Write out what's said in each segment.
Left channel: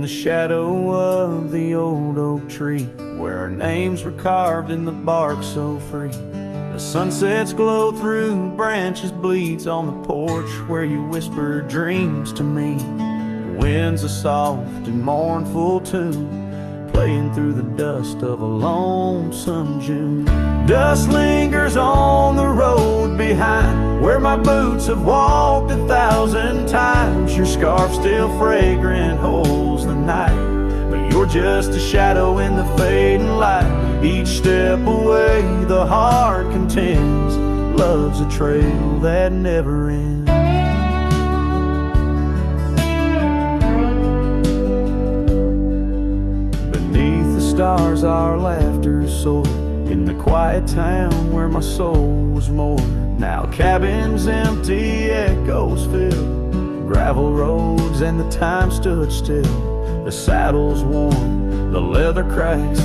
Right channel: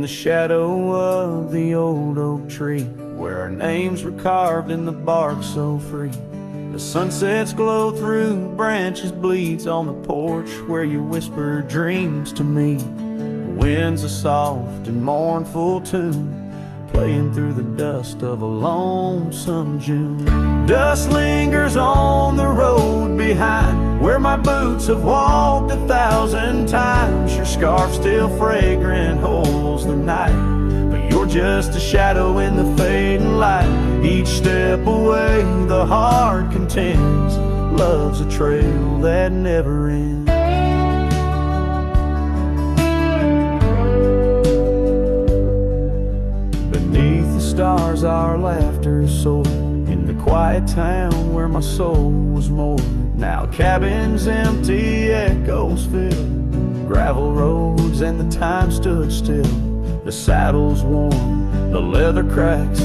in the shadow of the old oak tree, where our names were carved in the bark so free. The sunsets glow through branches, bleeds on the porch where you whisper dreams to me. The wind's a soft and mournful tune, playing through the dust of a lonesome June. Dust lingers on the road behind, where my boots have walked 1,000 times. Your scarf still fragrant holds the night, but you're just a shadow in the fading light. Each step away the heart contends, love's a trail that never ends. Beneath the stars our laughter soared, in the quiet town where my soul was moored. Now cabins empty, echoes fill, gravel roads and the time stood still. The saddle's worn, the leather cracks,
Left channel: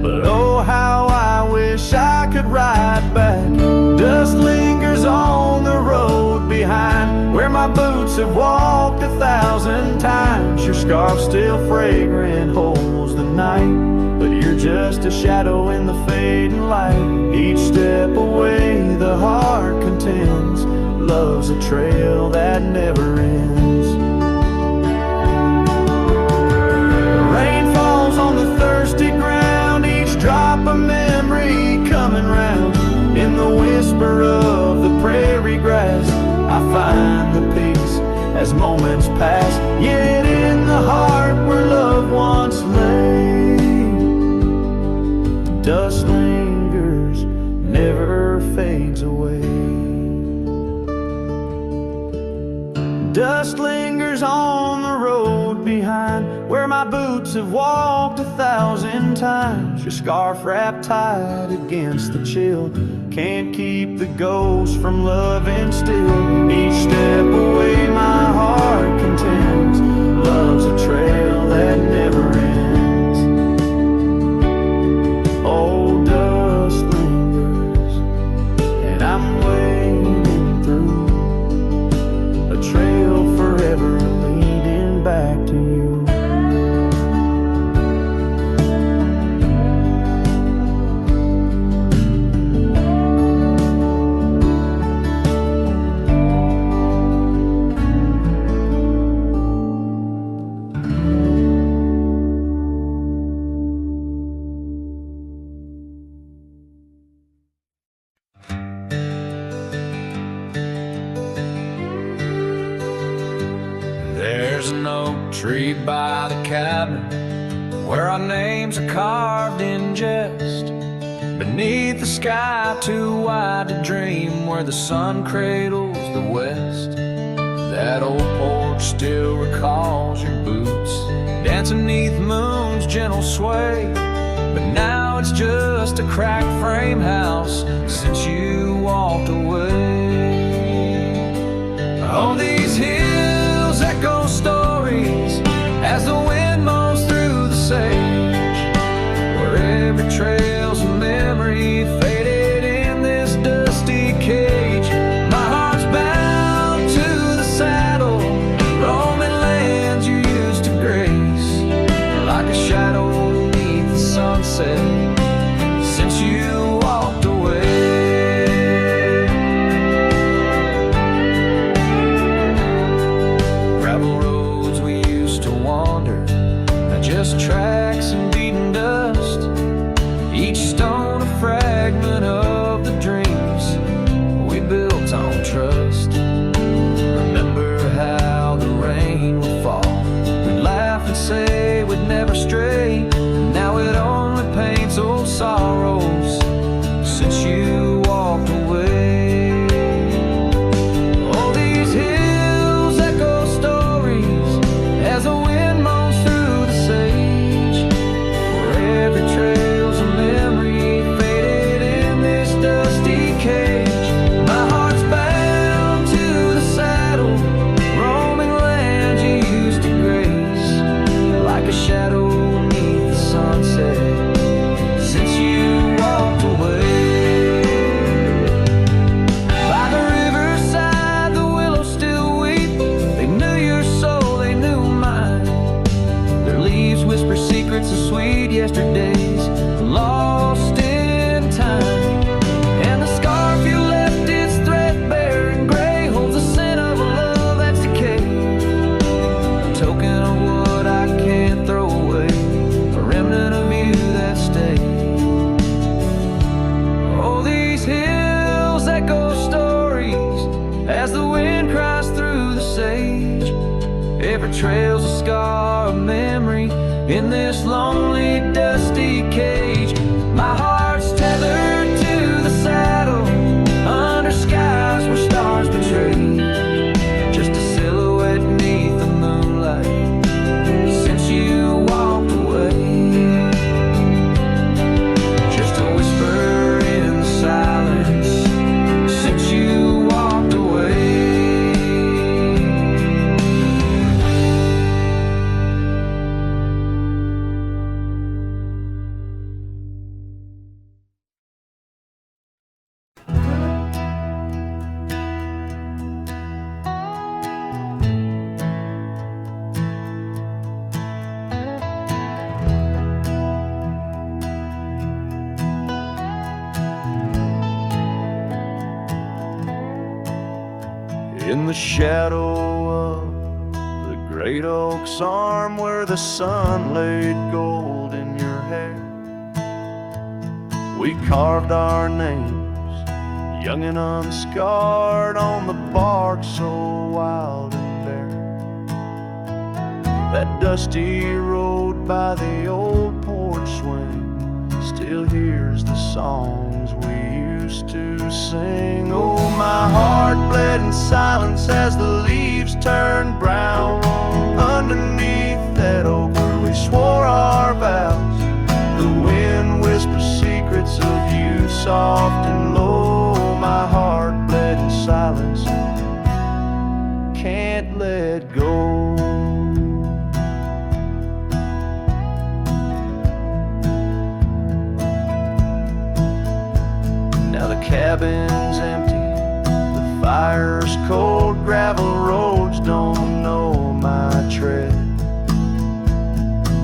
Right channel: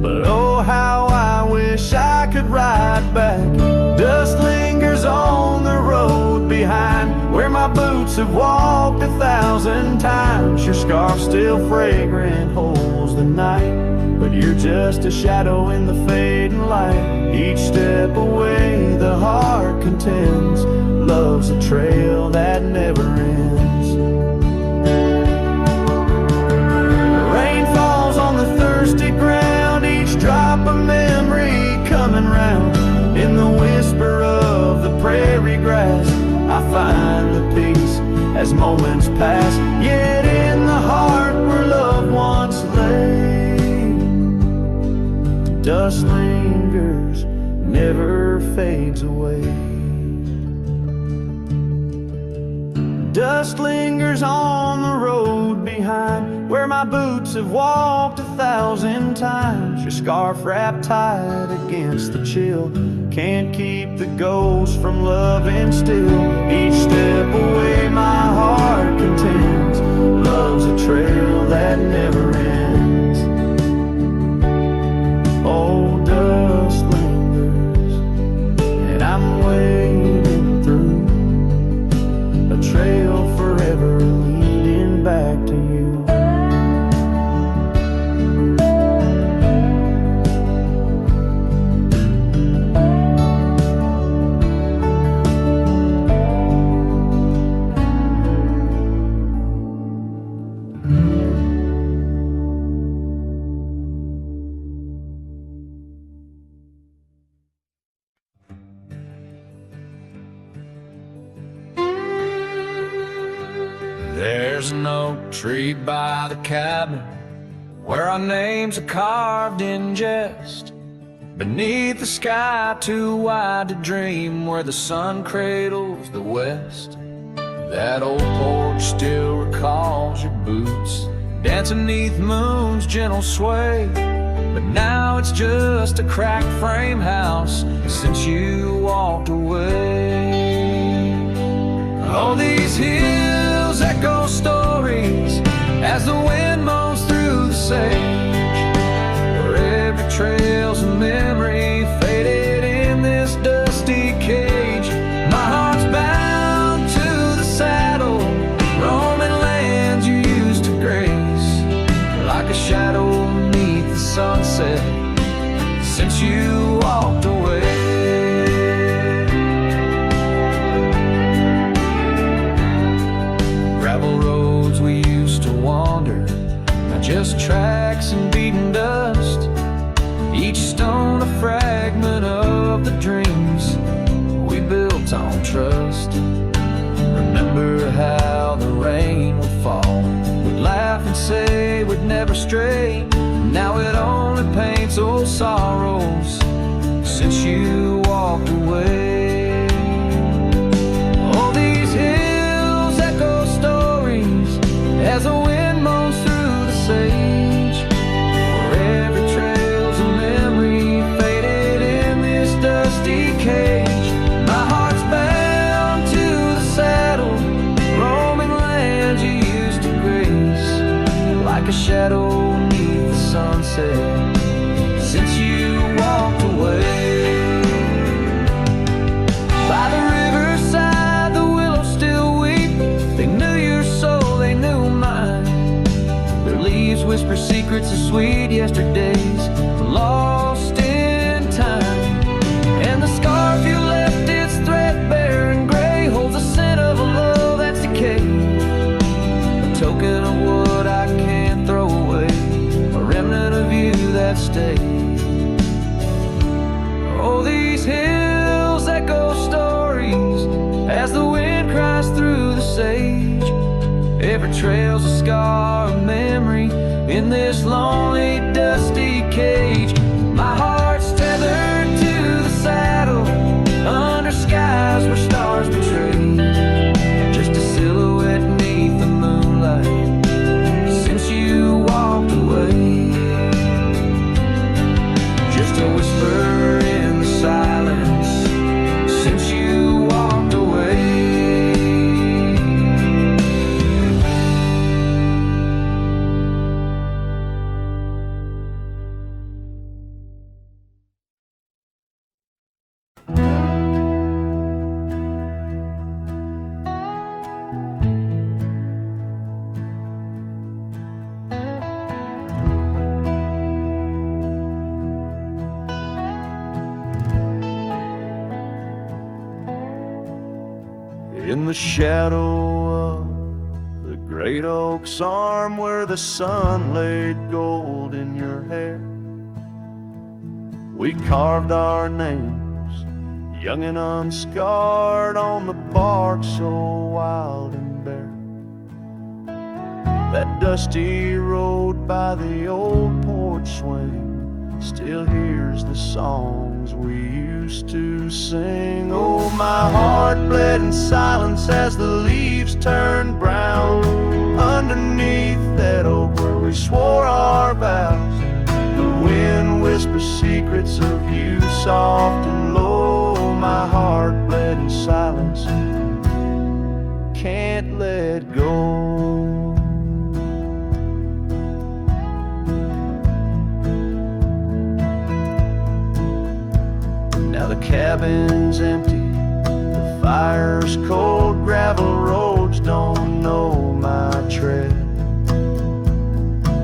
but oh how I wish I could ride back. Dust lingers on the road behind, where my boots have walked 1,000 times. Your scarf still fragrant holds the night, but you're just a shadow in the fading light. Each step away the heart contends, love's a trail that never ends. The rain falls on the thirsty ground, each drop of memory coming round. In the whisper of the prairie grass I find the peace as moments pass. Yet in the heart where love once lay, dust lingers, never fades away. Dust lingers on the road behind, where my boots have walked 1,000 times. Your scarf wrapped tight against the chill, can't keep the ghost from loving still. Each step away my heart contends, love's a trail that never ends. Oh, dust lingers, and I'm wading through a trail forever leading back to you. There's an oak tree by the cabin, where our names are carved in jest. Beneath the sky too wide to dream, where the sun cradles the west. That old porch still recalls your boots dancing neath moon's gentle sway. But now it's just a cracked frame house since you walked away. Oh, these hills echo stories as the wind moans through the sage, where every trail's a memory faded in this dusty cage. My heart's bound to the saddle, roaming lands you used to grace, like a shadow beneath the sunset since you walked away. Gravel roads we used to wander, now just tracks and beaten dust. Each stone a fragment of the dreams we built on trust. Remember how the rain would fall, we'd laugh and say we'd never stray. Now it only paints old sorrows since you walked away. Oh, these hills echo stories as the wind moans through the sage, where every trail's a memory faded in this dusty cage. My heart's bound to the saddle, roaming lands you used to grace, like a shadow beneath the sunset since you walked away. By the riverside the willows still weep, they knew your soul, they knew mine. Their leaves whisper secrets of sweet yesterdays, lost in time. And the scarf you left is threadbare and gray, holds the scent of a love that's decayed, a token of what I can't throw away, a remnant of you that stayed. Oh, these hills echo stories as the wind cries through the sage. Every trail's a scar of memory in this lonely, dusty cage. My heart's tethered to the saddle under skies where stars betray, just a silhouette neath the moonlight since you walked away. Just a whisper in the silence since you walked away. In the shadow of the great oak's arm, where the sun laid gold in your hair, we carved our names, young and unscarred, on the bark so wild and bare. That dusty road by the old porch swing still hears the songs we used to sing. Oh, my heart bled in silence as the leaves turned brown underneath that oak where we swore our vows. The wind whispers secrets of you soft and low. My heart bled in silence, can't let go. Now the cabin's empty, the fire's cold, gravel roads don't know my tread.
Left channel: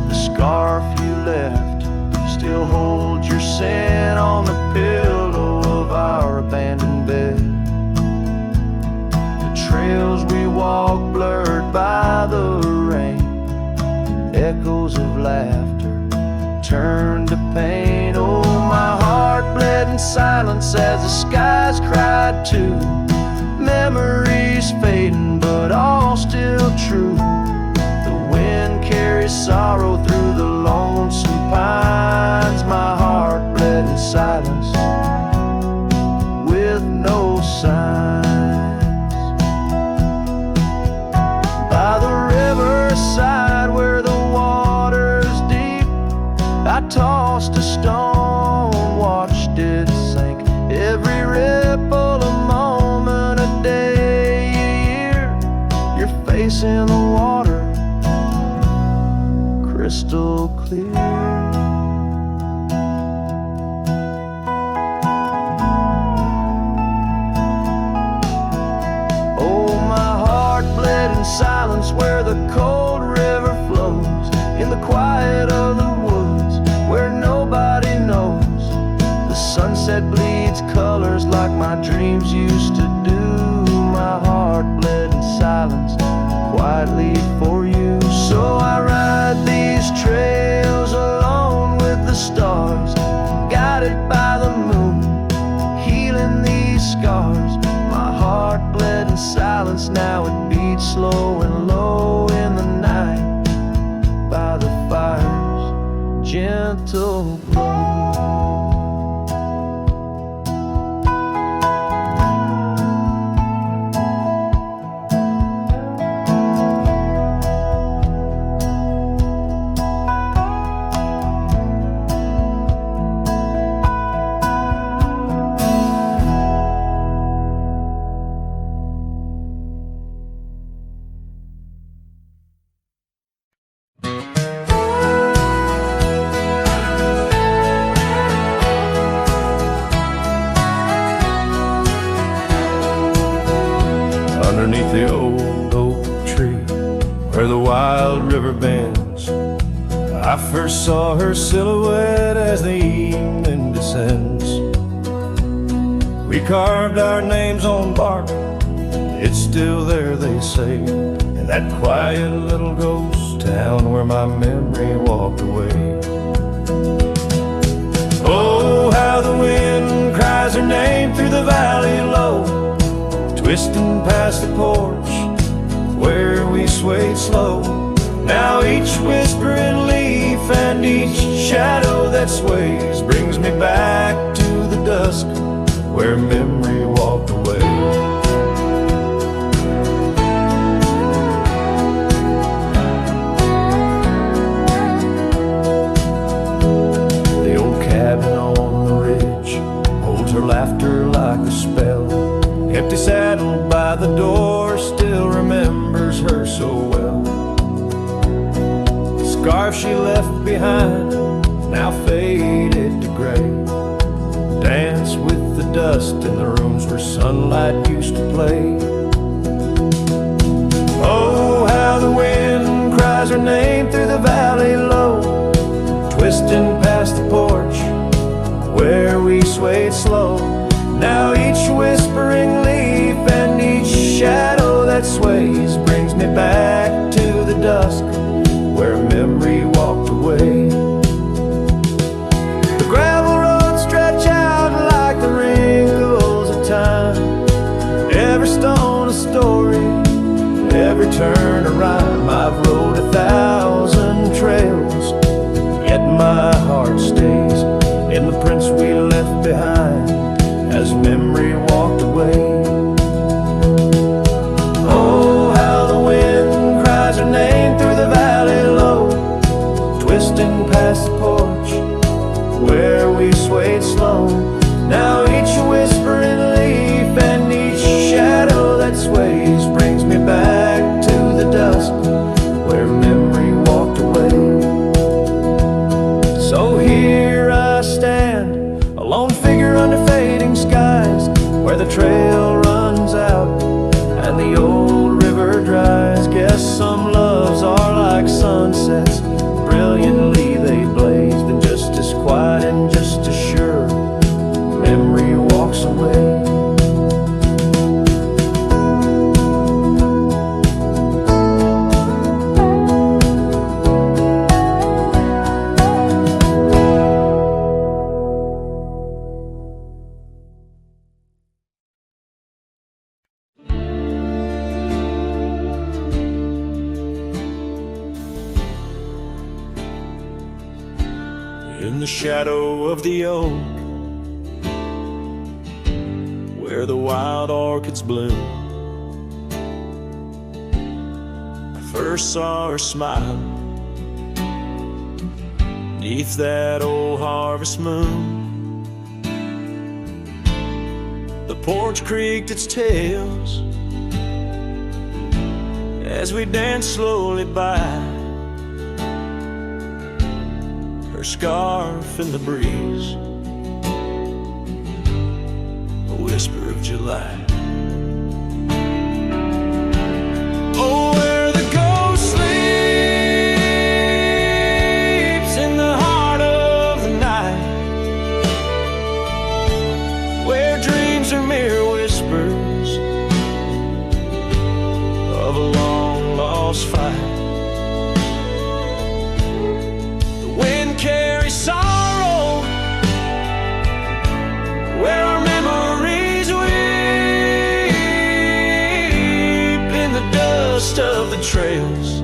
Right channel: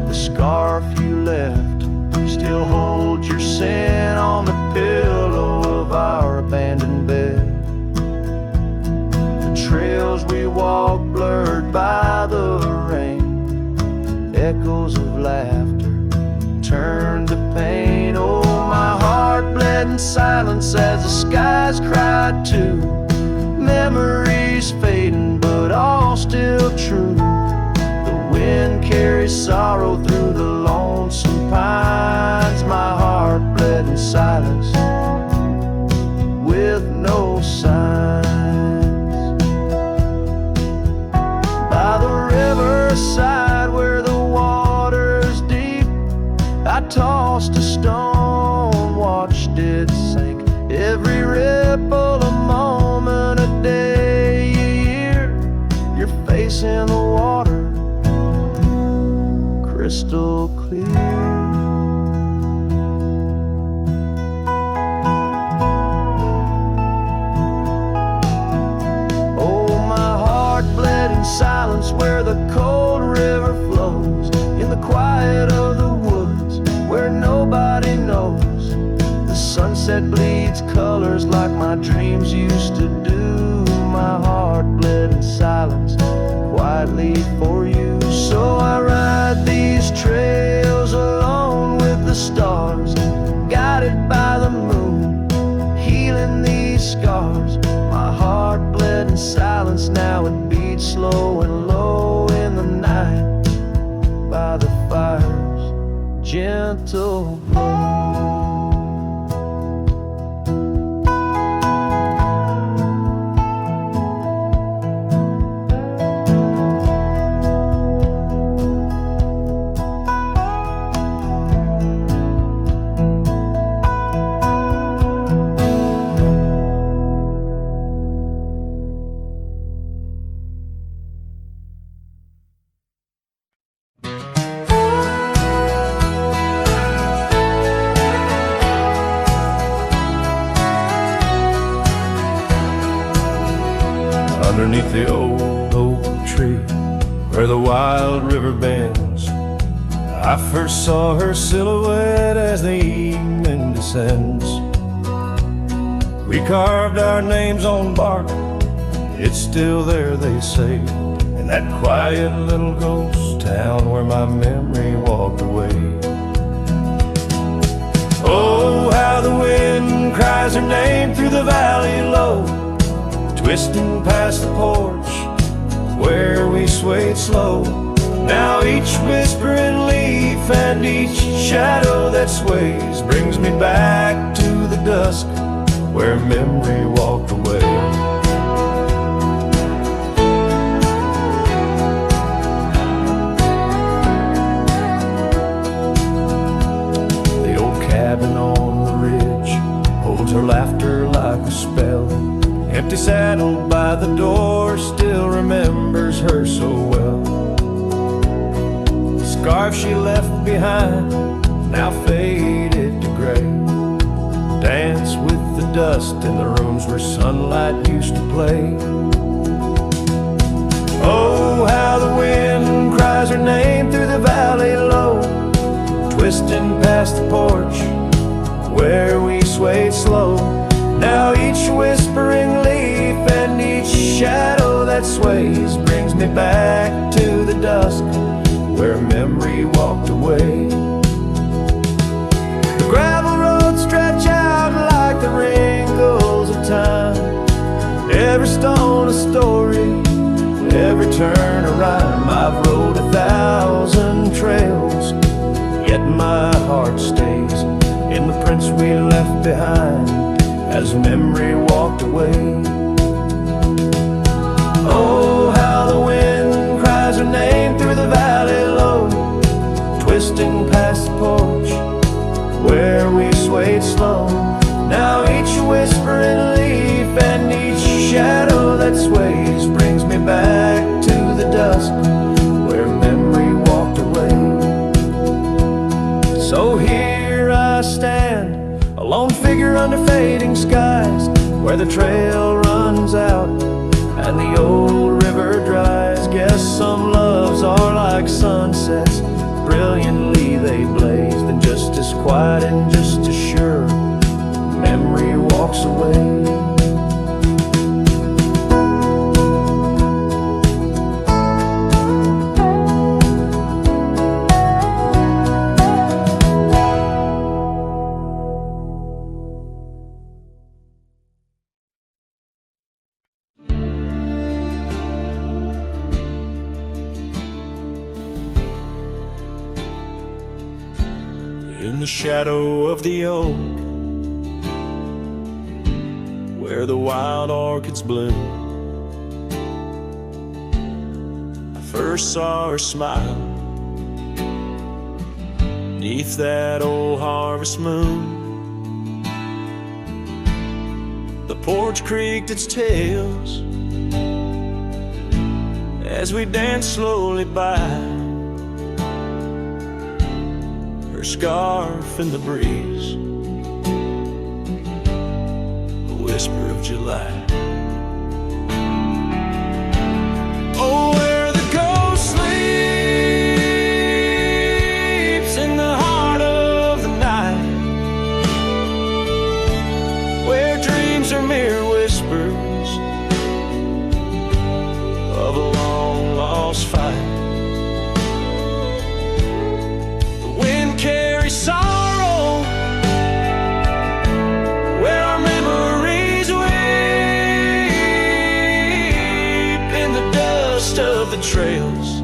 The scarf you left still holds your scent on the pillow of our abandoned bed. The trails we walk blurred by the rain, echoes of laughter turned to pain. Oh, my heart bled in silence as the skies cried too. Memories fading, but all still true. The wind carries sorrow through the lonesome pines. My heart bled in silence with no signs. By the riverside where the water's deep, I tossed a stone, watched it sink. Every ripple a moment, a day, a year. Your face in the water, crystal clear. Oh, my heart bled in silence where the cold river flows, in the quiet of the woods where nobody knows. The sunset bleeds colors like my dreams used to do. My heart bled in silence quietly for you. So I ride these trails alone with the stars, guided by the moon, healing these scars. My heart bled in silence, now it beats slow and low in the night by the fire's gentle glow. Underneath the old oak tree where the wild river bends, I first saw her silhouette as the evening descends. We carved our names on bark, it's still there, they say, in that quiet little ghost town where my memory walked away. Oh, how the wind cries her name through the valley low, twisting past the porch where we swayed slow. Now each whispering leaf and each shadow that sways brings me back to the dusk where memory walked away. The old cabin on the ridge holds her laughter like a spell. Empty saddle by the door still remembers her so well. The scarf she left behind, now faded to gray, dance with the dust in the rooms where sunlight used to play. Oh, how the wind cries her name through the valley low, twisting past the porch where we swayed slow. Now each whispering leaf and each shadow that sways brings me back to the dusk where memory walked away. The gravel roads stretch out like the wrinkles of time, every stone a story, every turn a rhyme. I've rode 1,000 trails, yet my heart stays in the prints we left behind as memory walked away. Oh, how the wind cries her name through the valley low, twisting past the porch where we swayed slow. Now each whispering leaf and each shadow that sways brings me back to the dusk where memory walked away. So here I stand, a lone figure under fading skies, where the trail runs out and the old river dries. Guess some loves are like sunsets, brilliantly they blaze, then just as quiet and just as sure memory walks away. In the shadow of the oak, where the wild orchids bloom, I first saw her smile neath that old harvest moon. The porch creaked its tails as we danced slowly by, her scarf in the breeze, a whisper of July. Oh, where the ghost sleeps in the heart of the night, where dreams are mere whispers of a long lost fight. Wind carries sorrow where our memories weep in the dust of the trails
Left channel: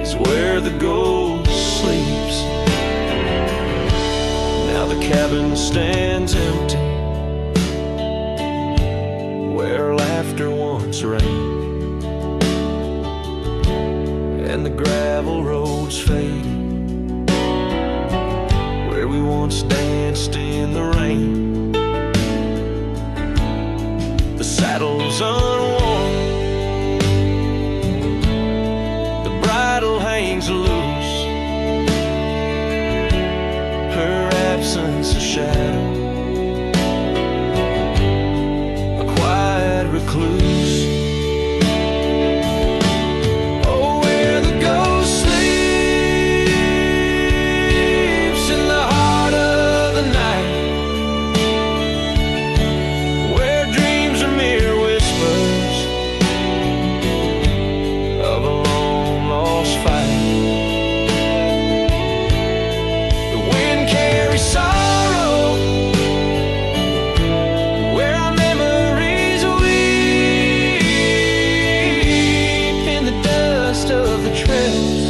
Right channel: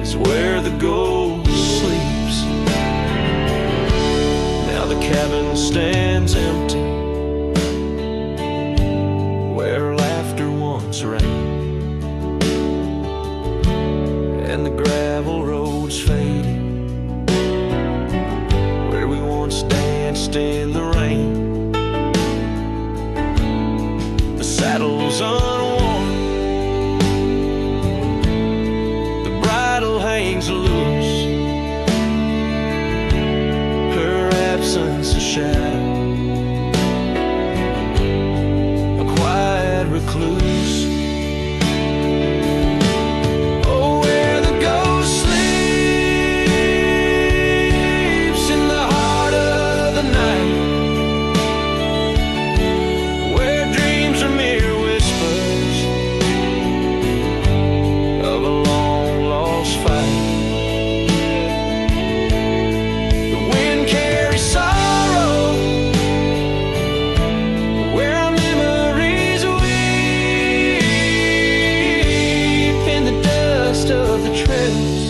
is where the ghost sleeps. Now the cabin stands empty where laughter once reigned, and the gravel roads faded where we once danced in the rain. The saddle's unworn, the bridle hangs loose, her absence a shadow, a quiet recluse. Sleep the trails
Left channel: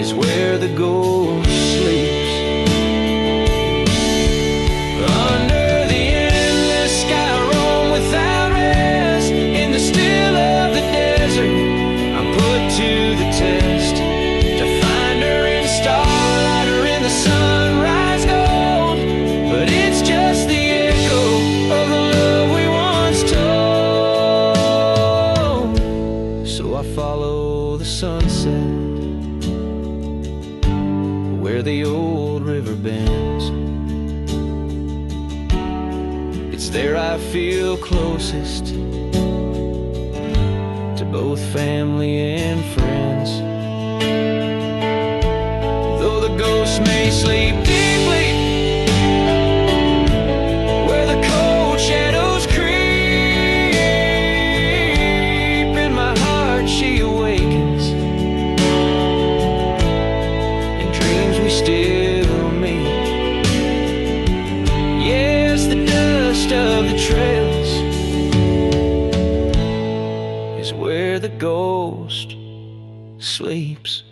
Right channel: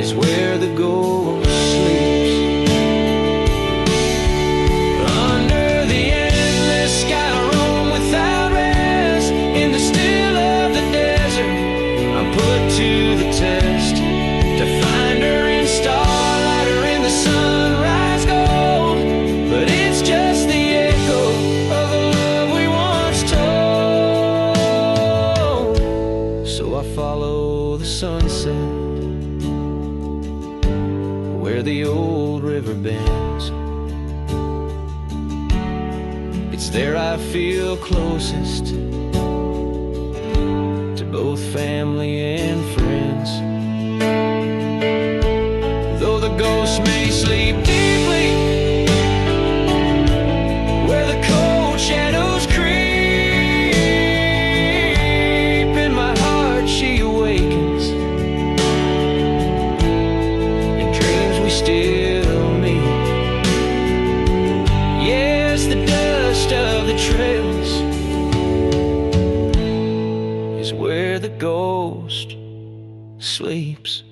is where the ghost sleeps. Under the endless sky I roam without rest. In the still of the desert I'm put to the test, to find her in starlight or in the sunrise gold. But it's just the echo of the love we once told. So I follow the sunset where the old river bends. It's there I feel closest to both family and friends. Though the ghosts may sleep deeply where the cold shadows creep, in my heart she awakens. In dreams we still meet. Yes, the dust of the trails is where the ghost sleeps.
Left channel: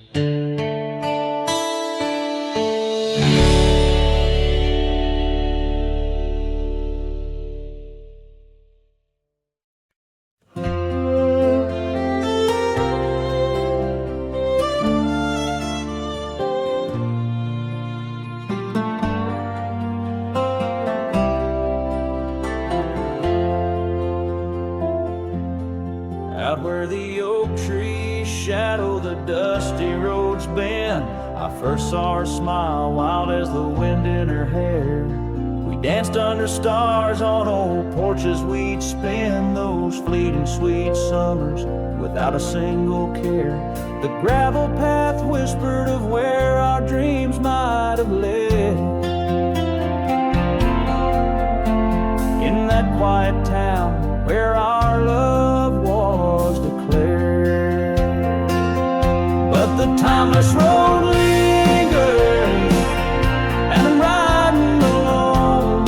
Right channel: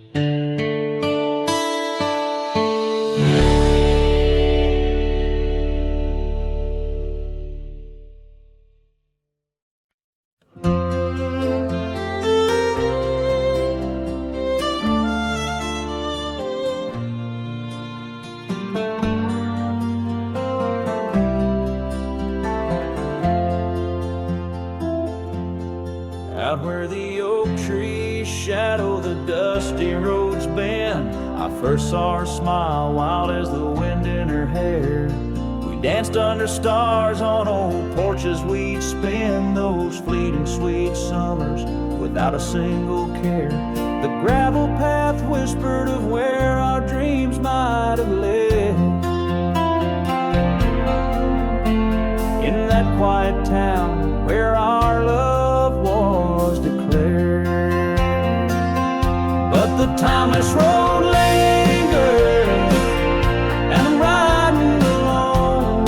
Out where the oak trees shadow the dusty roads bend, I first saw her smile wild as the wind in her hair. We danced under stars on old porches, we'd spend those fleeting sweet summers without a single care. The gravel path whispered of where our dreams might have led. In that quiet town where our love was declared. But the timeless road lingers, and I'm riding alone,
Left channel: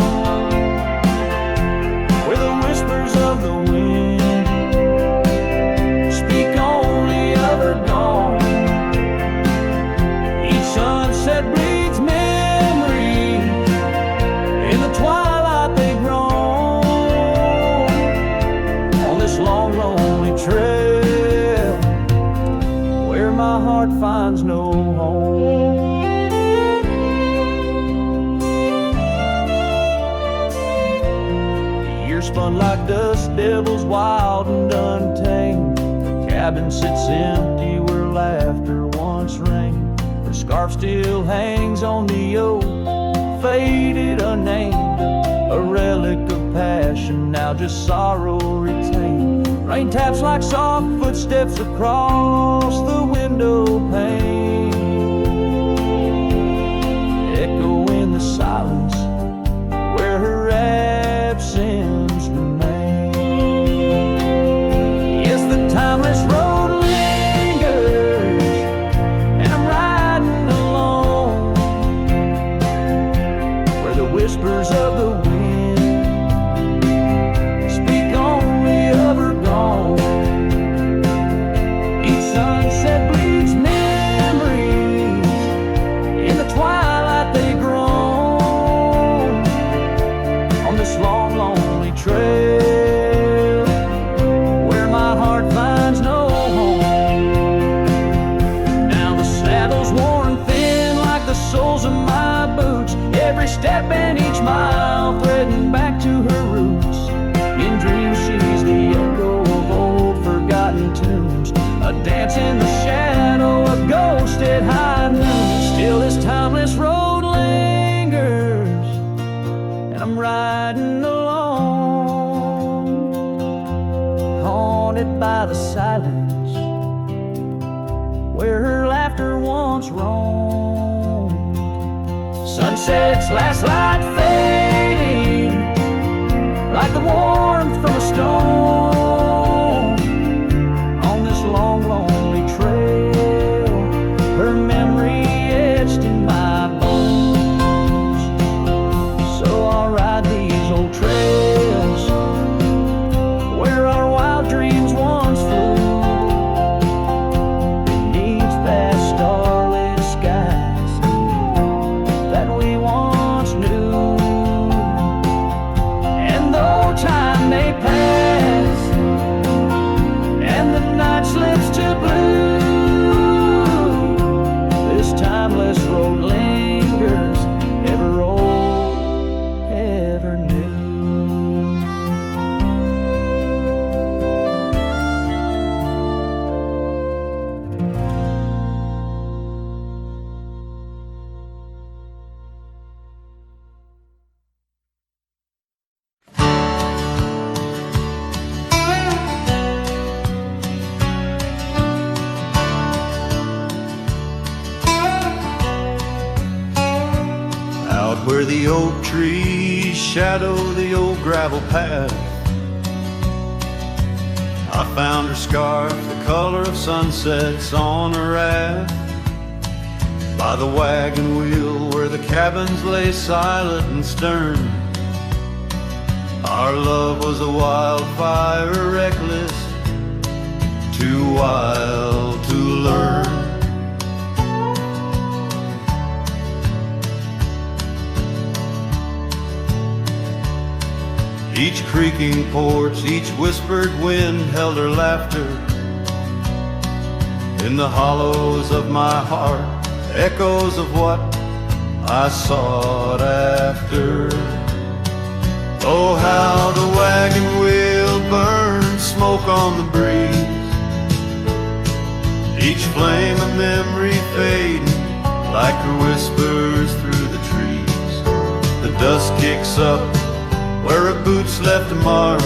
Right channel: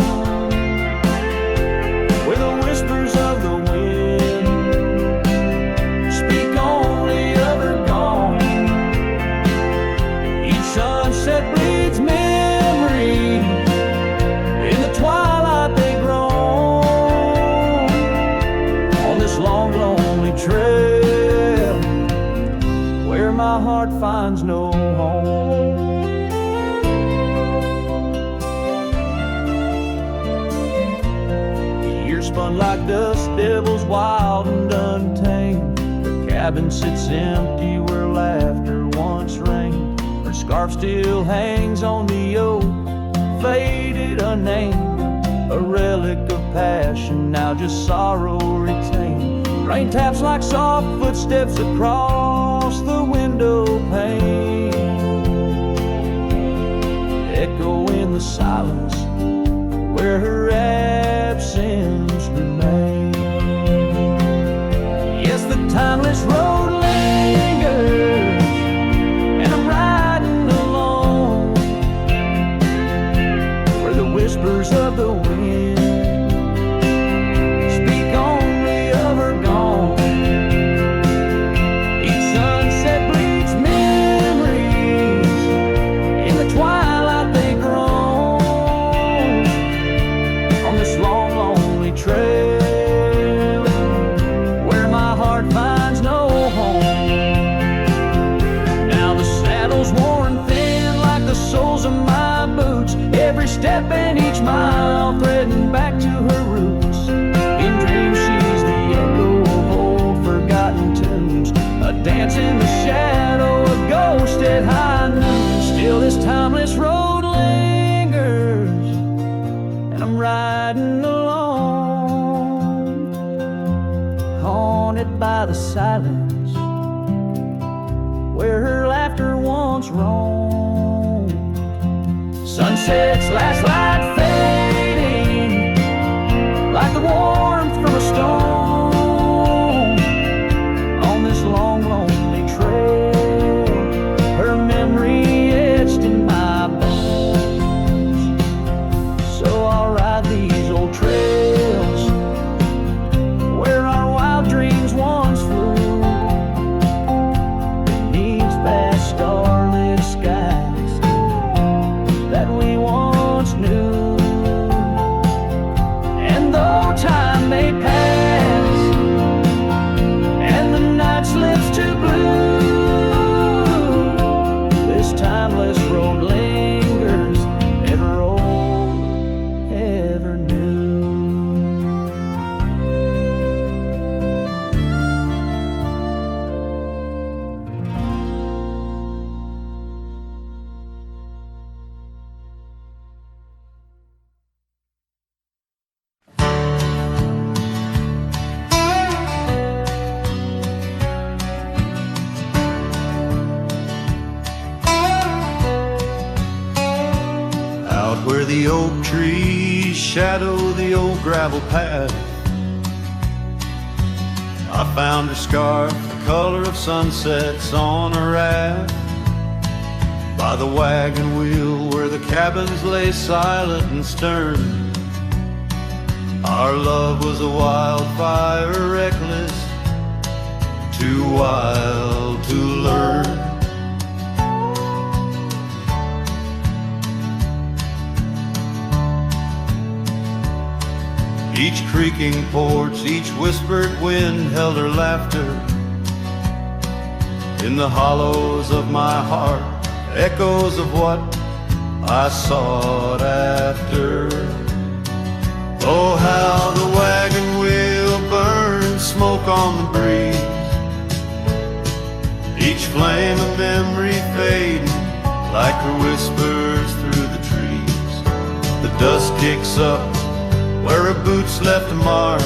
where the whispers of the wind speak only of her gone. Each sunset bleeds memory, in the twilight they grow. This long, lonely trail where my heart finds no home. The years spun like dust devils, wild and untamed. The cabin sits empty where laughter once reigned. Her scarf still hangs on the oak, faded, unnamed, a relic of passion, now just sorrow retained. Rain taps like soft footsteps across the window pane, echo in the silence where her absence remains. Yes, the timeless road lingers, and I'm riding alone, where the whispers of the wind speak only of her gone. Each sunset bleeds memories, in the twilight they groan. On this long, lonely trail where my heart finds no home. Now the saddle's worn thin like the soles of my boots, every step and each mile threading back to her roots. In dreams she's the echo of old forgotten tunes, a dance in the shadow, a ghost at high noon. Still this timeless road lingers, and I'm riding alone, haunted by the silence where her laughter once roamed. Sunset's last light fading like the warmth from a stone. On this long, lonely trail, her memory etched in my bones. So I'll ride these old trails where our wild dreams once flew. timeless road lingers, ever old, ever new. Out where the oak trees shadow the old gravel path, I found her scarf, the color of sunsets on a raft. By the wagon wheel where the cabins lay silent and stern, our love was a wildfire, reckless, too wild to learn. Each creaking porch, each whispered wind held her laughter. In the hollows of my heart, echoes of what I sought after. Oh, how the wagon wheel burned, smoke on the breeze, each flame a memory fading like her whispers through the trees. The dust kicks up where her boots left a mark.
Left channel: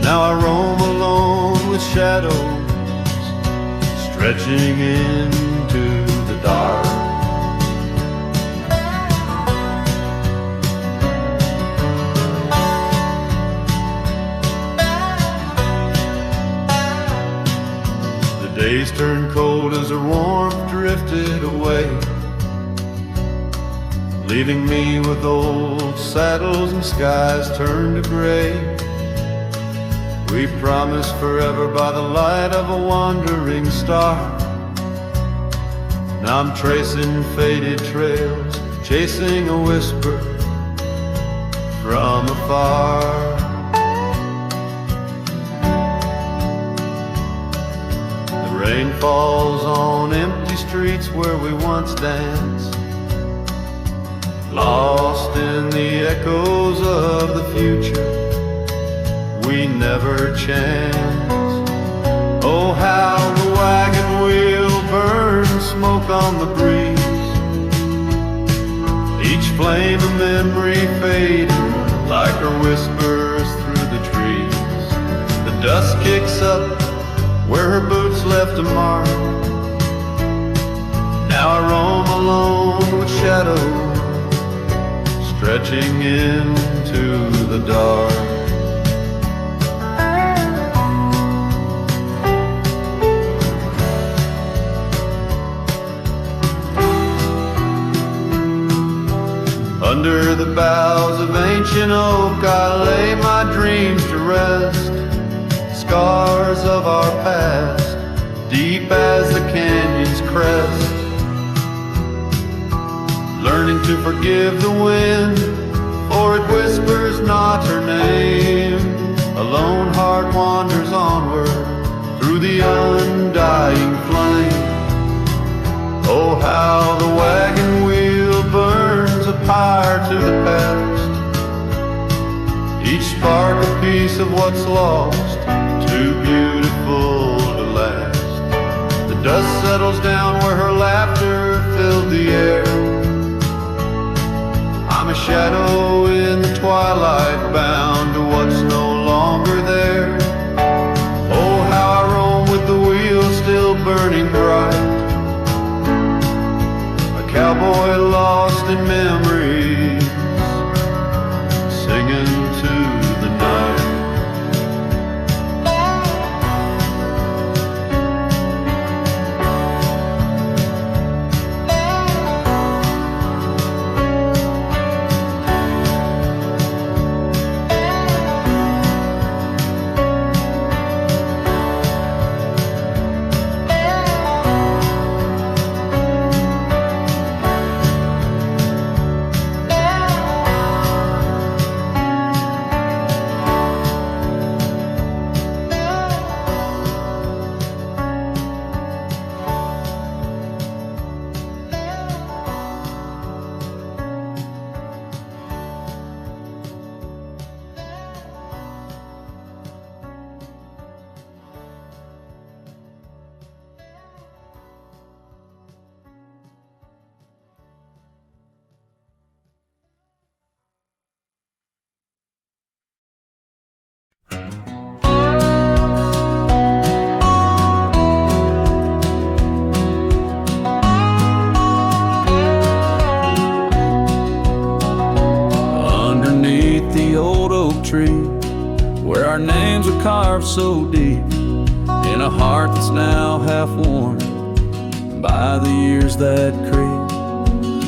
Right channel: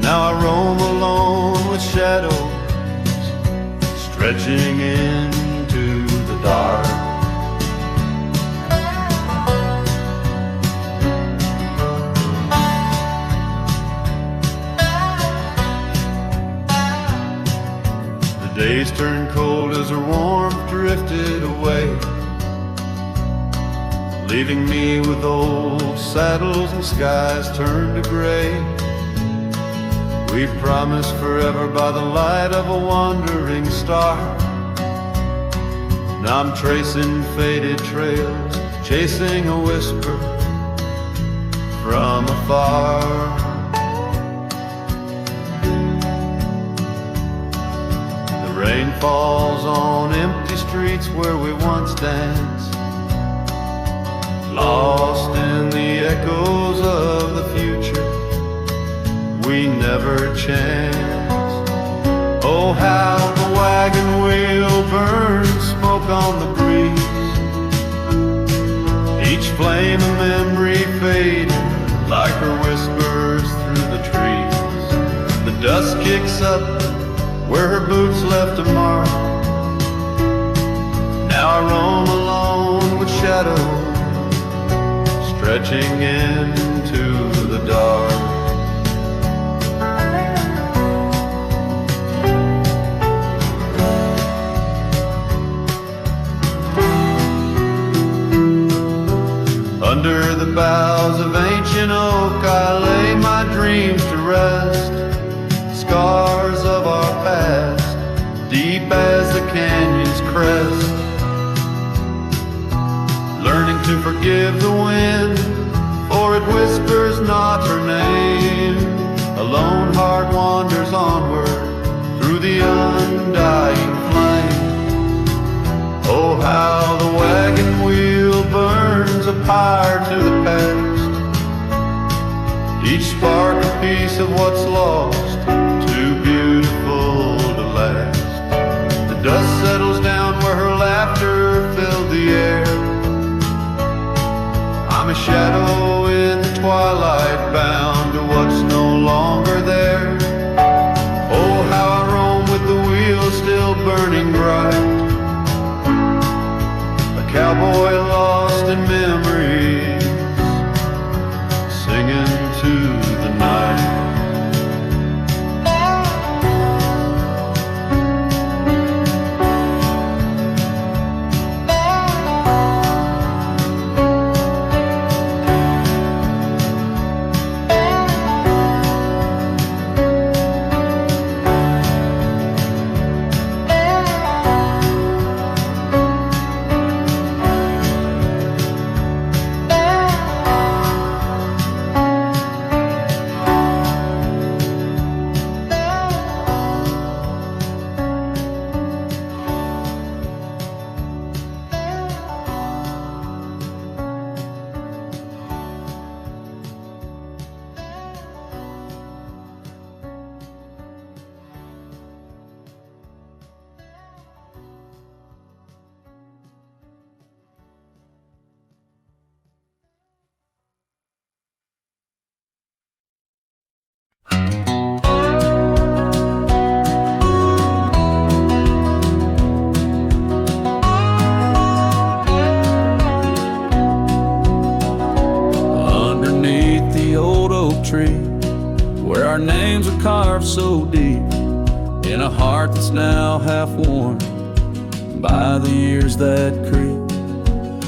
Now I roam alone with shadows stretching into the dark. The days turned cold as her warmth drifted away, leaving me with old saddles and skies turned to gray. We promised forever by the light of a wandering star. Now I'm tracing faded trails, chasing a whisper from afar. The rain falls on empty streets where we once danced, lost in the echoes of the future we never chanced. Oh, how the wagon wheel burns, smoke on the breeze, each flame a memory fading like her whispers through the trees. The dust kicks up where her boots left a mark. Now I roam alone with shadows stretching into the dark. Under the boughs of ancient oak I lay my dreams to rest, scars of our past, deep as the canyon's crest. Learning to forgive the wind, for it whispers not her name. A lone heart wanders onward through the undying flame. Oh, how the wagon wheel burns a pyre to the past, each spark a piece of what's lost, too beautiful to last. The dust settles down where her laughter filled the air. I'm a shadow in the twilight, bound to what's no longer there. Oh, how I roam with the wheel still burning bright, a cowboy lost in memories, singing to the night. tree, where our names are carved so deep in a heart that's now half worn by the years that creep.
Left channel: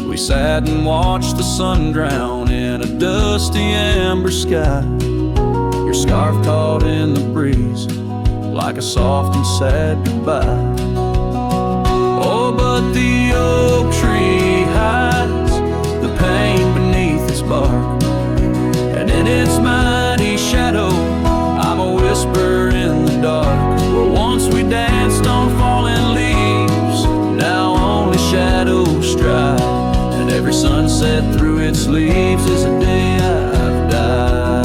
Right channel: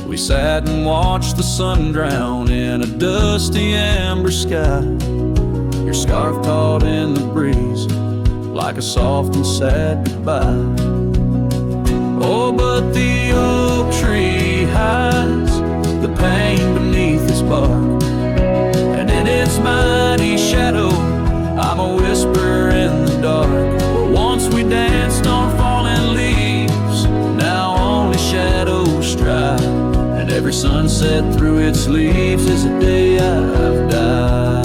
We sat and watched the sun drown in a dusty amber sky, your scarf caught in the breeze like a soft and sad goodbye. Oh, but the oak tree hides the pain beneath its bark, and in its mighty shadow I'm a whisper in the dark. Where once we danced on falling leaves, now only shadows stride, and every sunset through its leaves is a day I've died.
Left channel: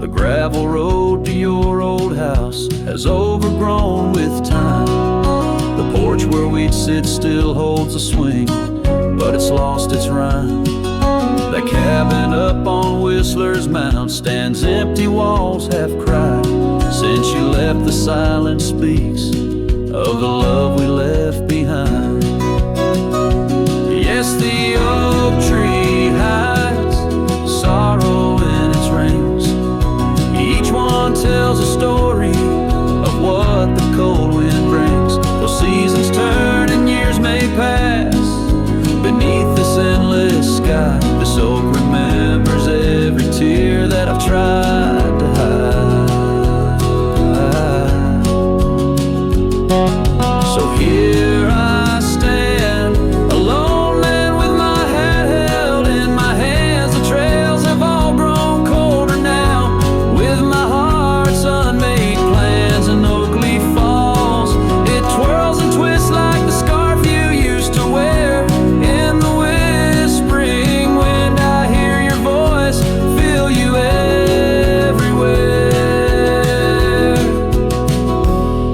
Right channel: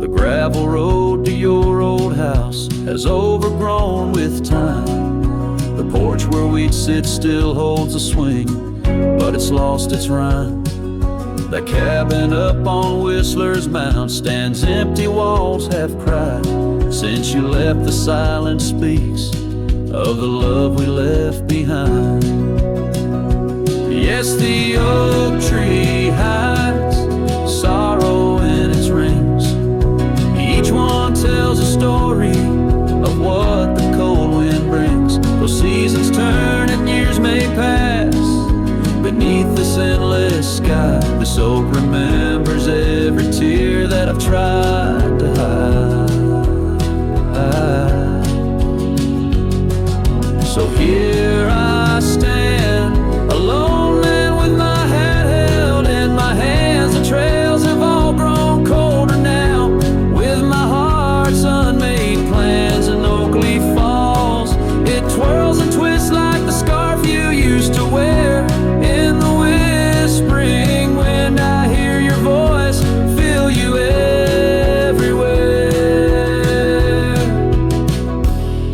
The gravel road to your old house has overgrown with time. The porch where we'd sit still holds a swing, but it's lost its rhyme. That cabin up on Whistler's Mound stands empty, walls have cried. Since you left, the silence speaks of the love we left behind. Yes, the oak tree hides sorrow in its rings. Each one tells a story of what the cold wind brings. Those seasons turn and years may pass beneath this endless sky. This oak remembers every tear that I've tried to hide. So here I stand, a lone man with my hat held in my hands. The trails have all grown colder now, with my heart's unmade plans. And oak leaf falls, it twirls and twists like the scarf you used to wear. In the whispering wind I hear your voice, feel you everywhere.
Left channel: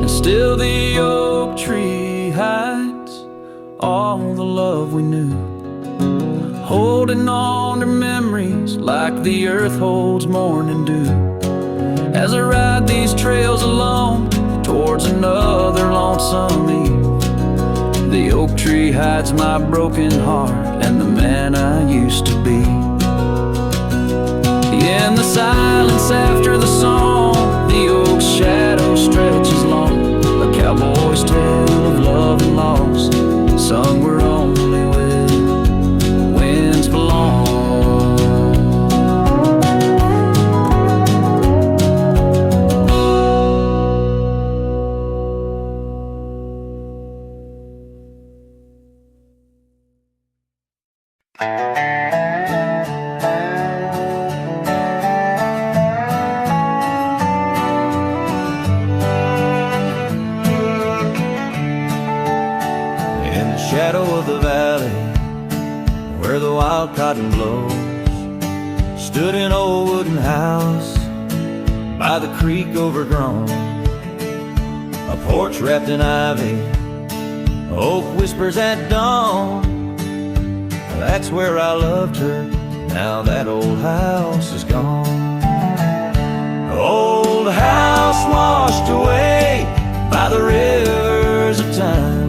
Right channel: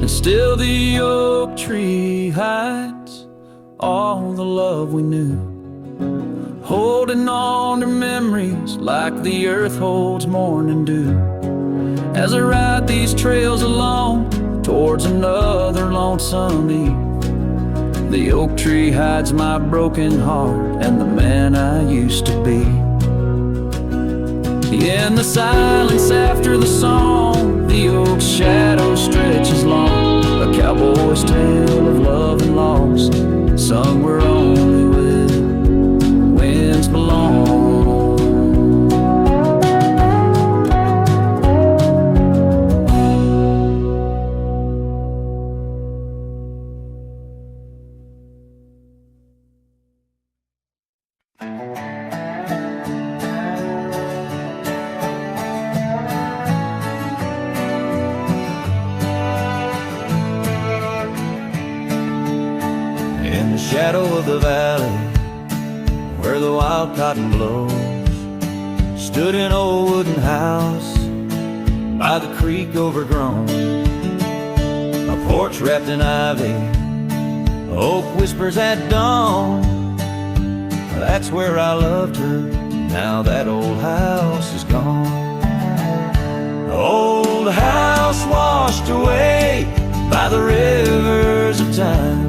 And still the oak tree hides all the love we knew, holding on to memories like the earth holds morning dew. As I ride these trails alone towards another lonesome eve, the oak tree hides my broken heart and the man I used to be. In the silence after the song, the oak's shadow stretches long, a cowboy's tale of love and loss, sung where only winds belong. In the shadow of the valley, where the wild cotton blows, stood an old wooden house by the creek overgrown. A porch wrapped in ivy, oak whispers at dawn. That's where I loved her, now that old house is gone. Old house washed away by the rivers of time,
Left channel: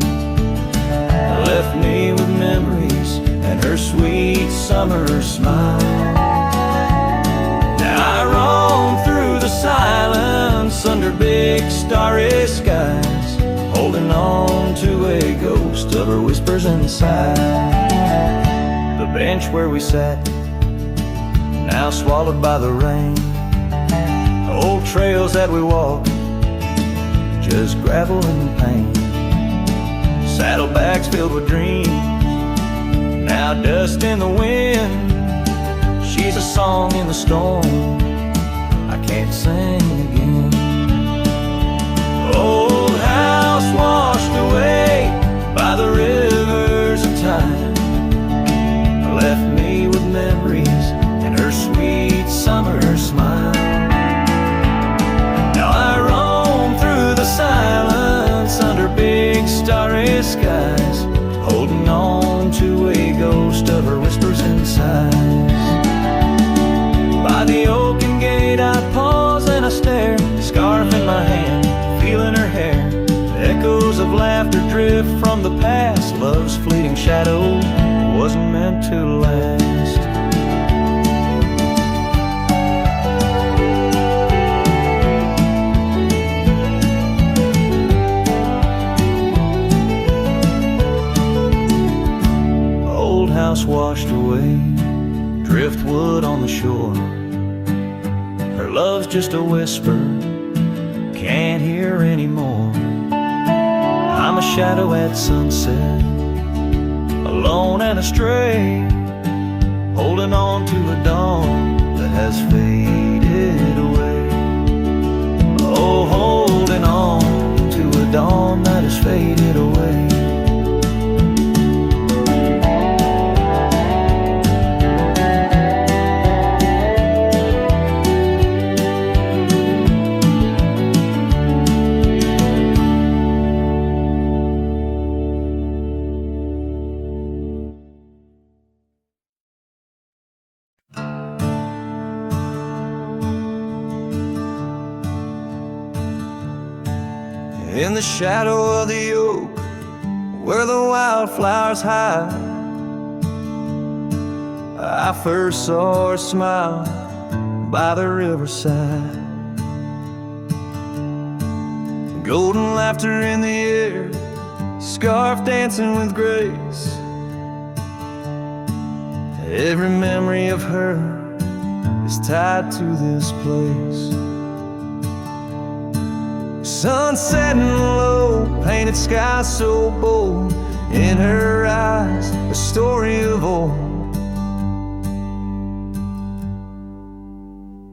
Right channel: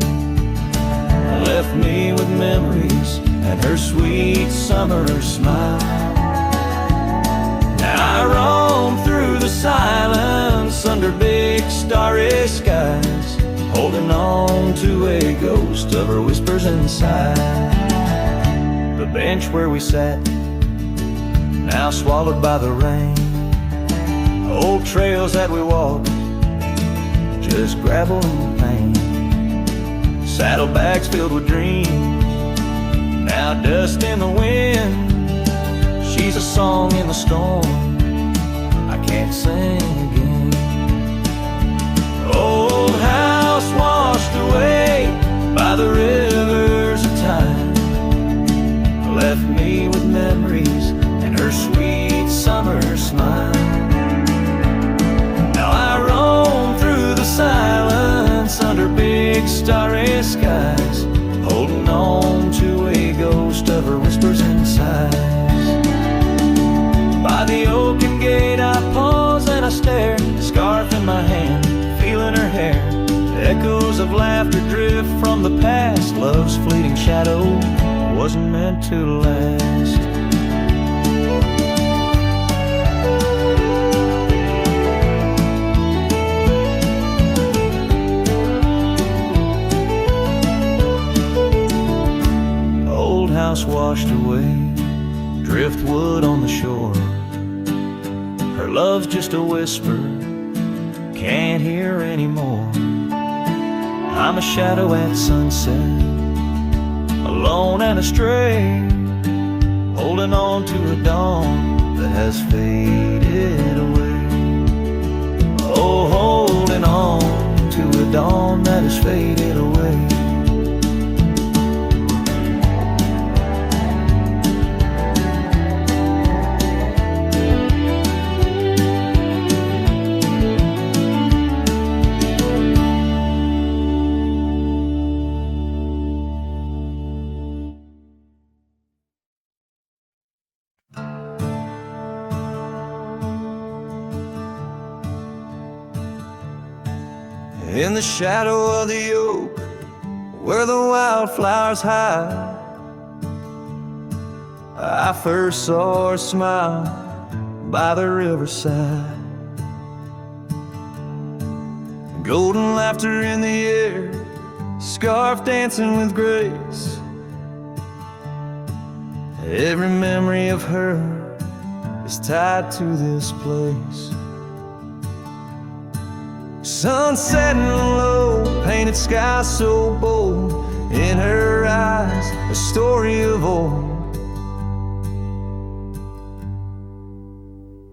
left me with memories and her sweet summer smile. Now I roam through the silence under big starry skies, holding on to a ghost of her whispers inside. The bench where we sat, now swallowed by the rain. Old trails that we walked, just gravel and pain. Saddlebags filled with dreams, now dust in the wind. She's a song in the storm I can't sing again. Old house washed away by the rivers of time, left me with memories and her sweet summer smile. Now I roam through the silence under big starry skies, holding on to a ghost of her whispers and sighs. By the oaken gate I pause and I stare, scarf in my hand, feeling her hair. Echoes of laughter drift from the past, love's fleeting shadow wasn't meant to last. house washed away, driftwood on the shore. Her love's just a whisper, can't hear anymore. I'm a shadow at sunset, alone and astray, holding on to a dawn that has faded away. Oh, holding on to a dawn that has faded away. In the shadow of the oak, where the wildflowers hide, I first saw her smile by the riverside. Golden laughter in the air, scarf dancing with grace. Every memory of her is tied to this place. Sun setting low, painted sky so bold, in her eyes a story of old.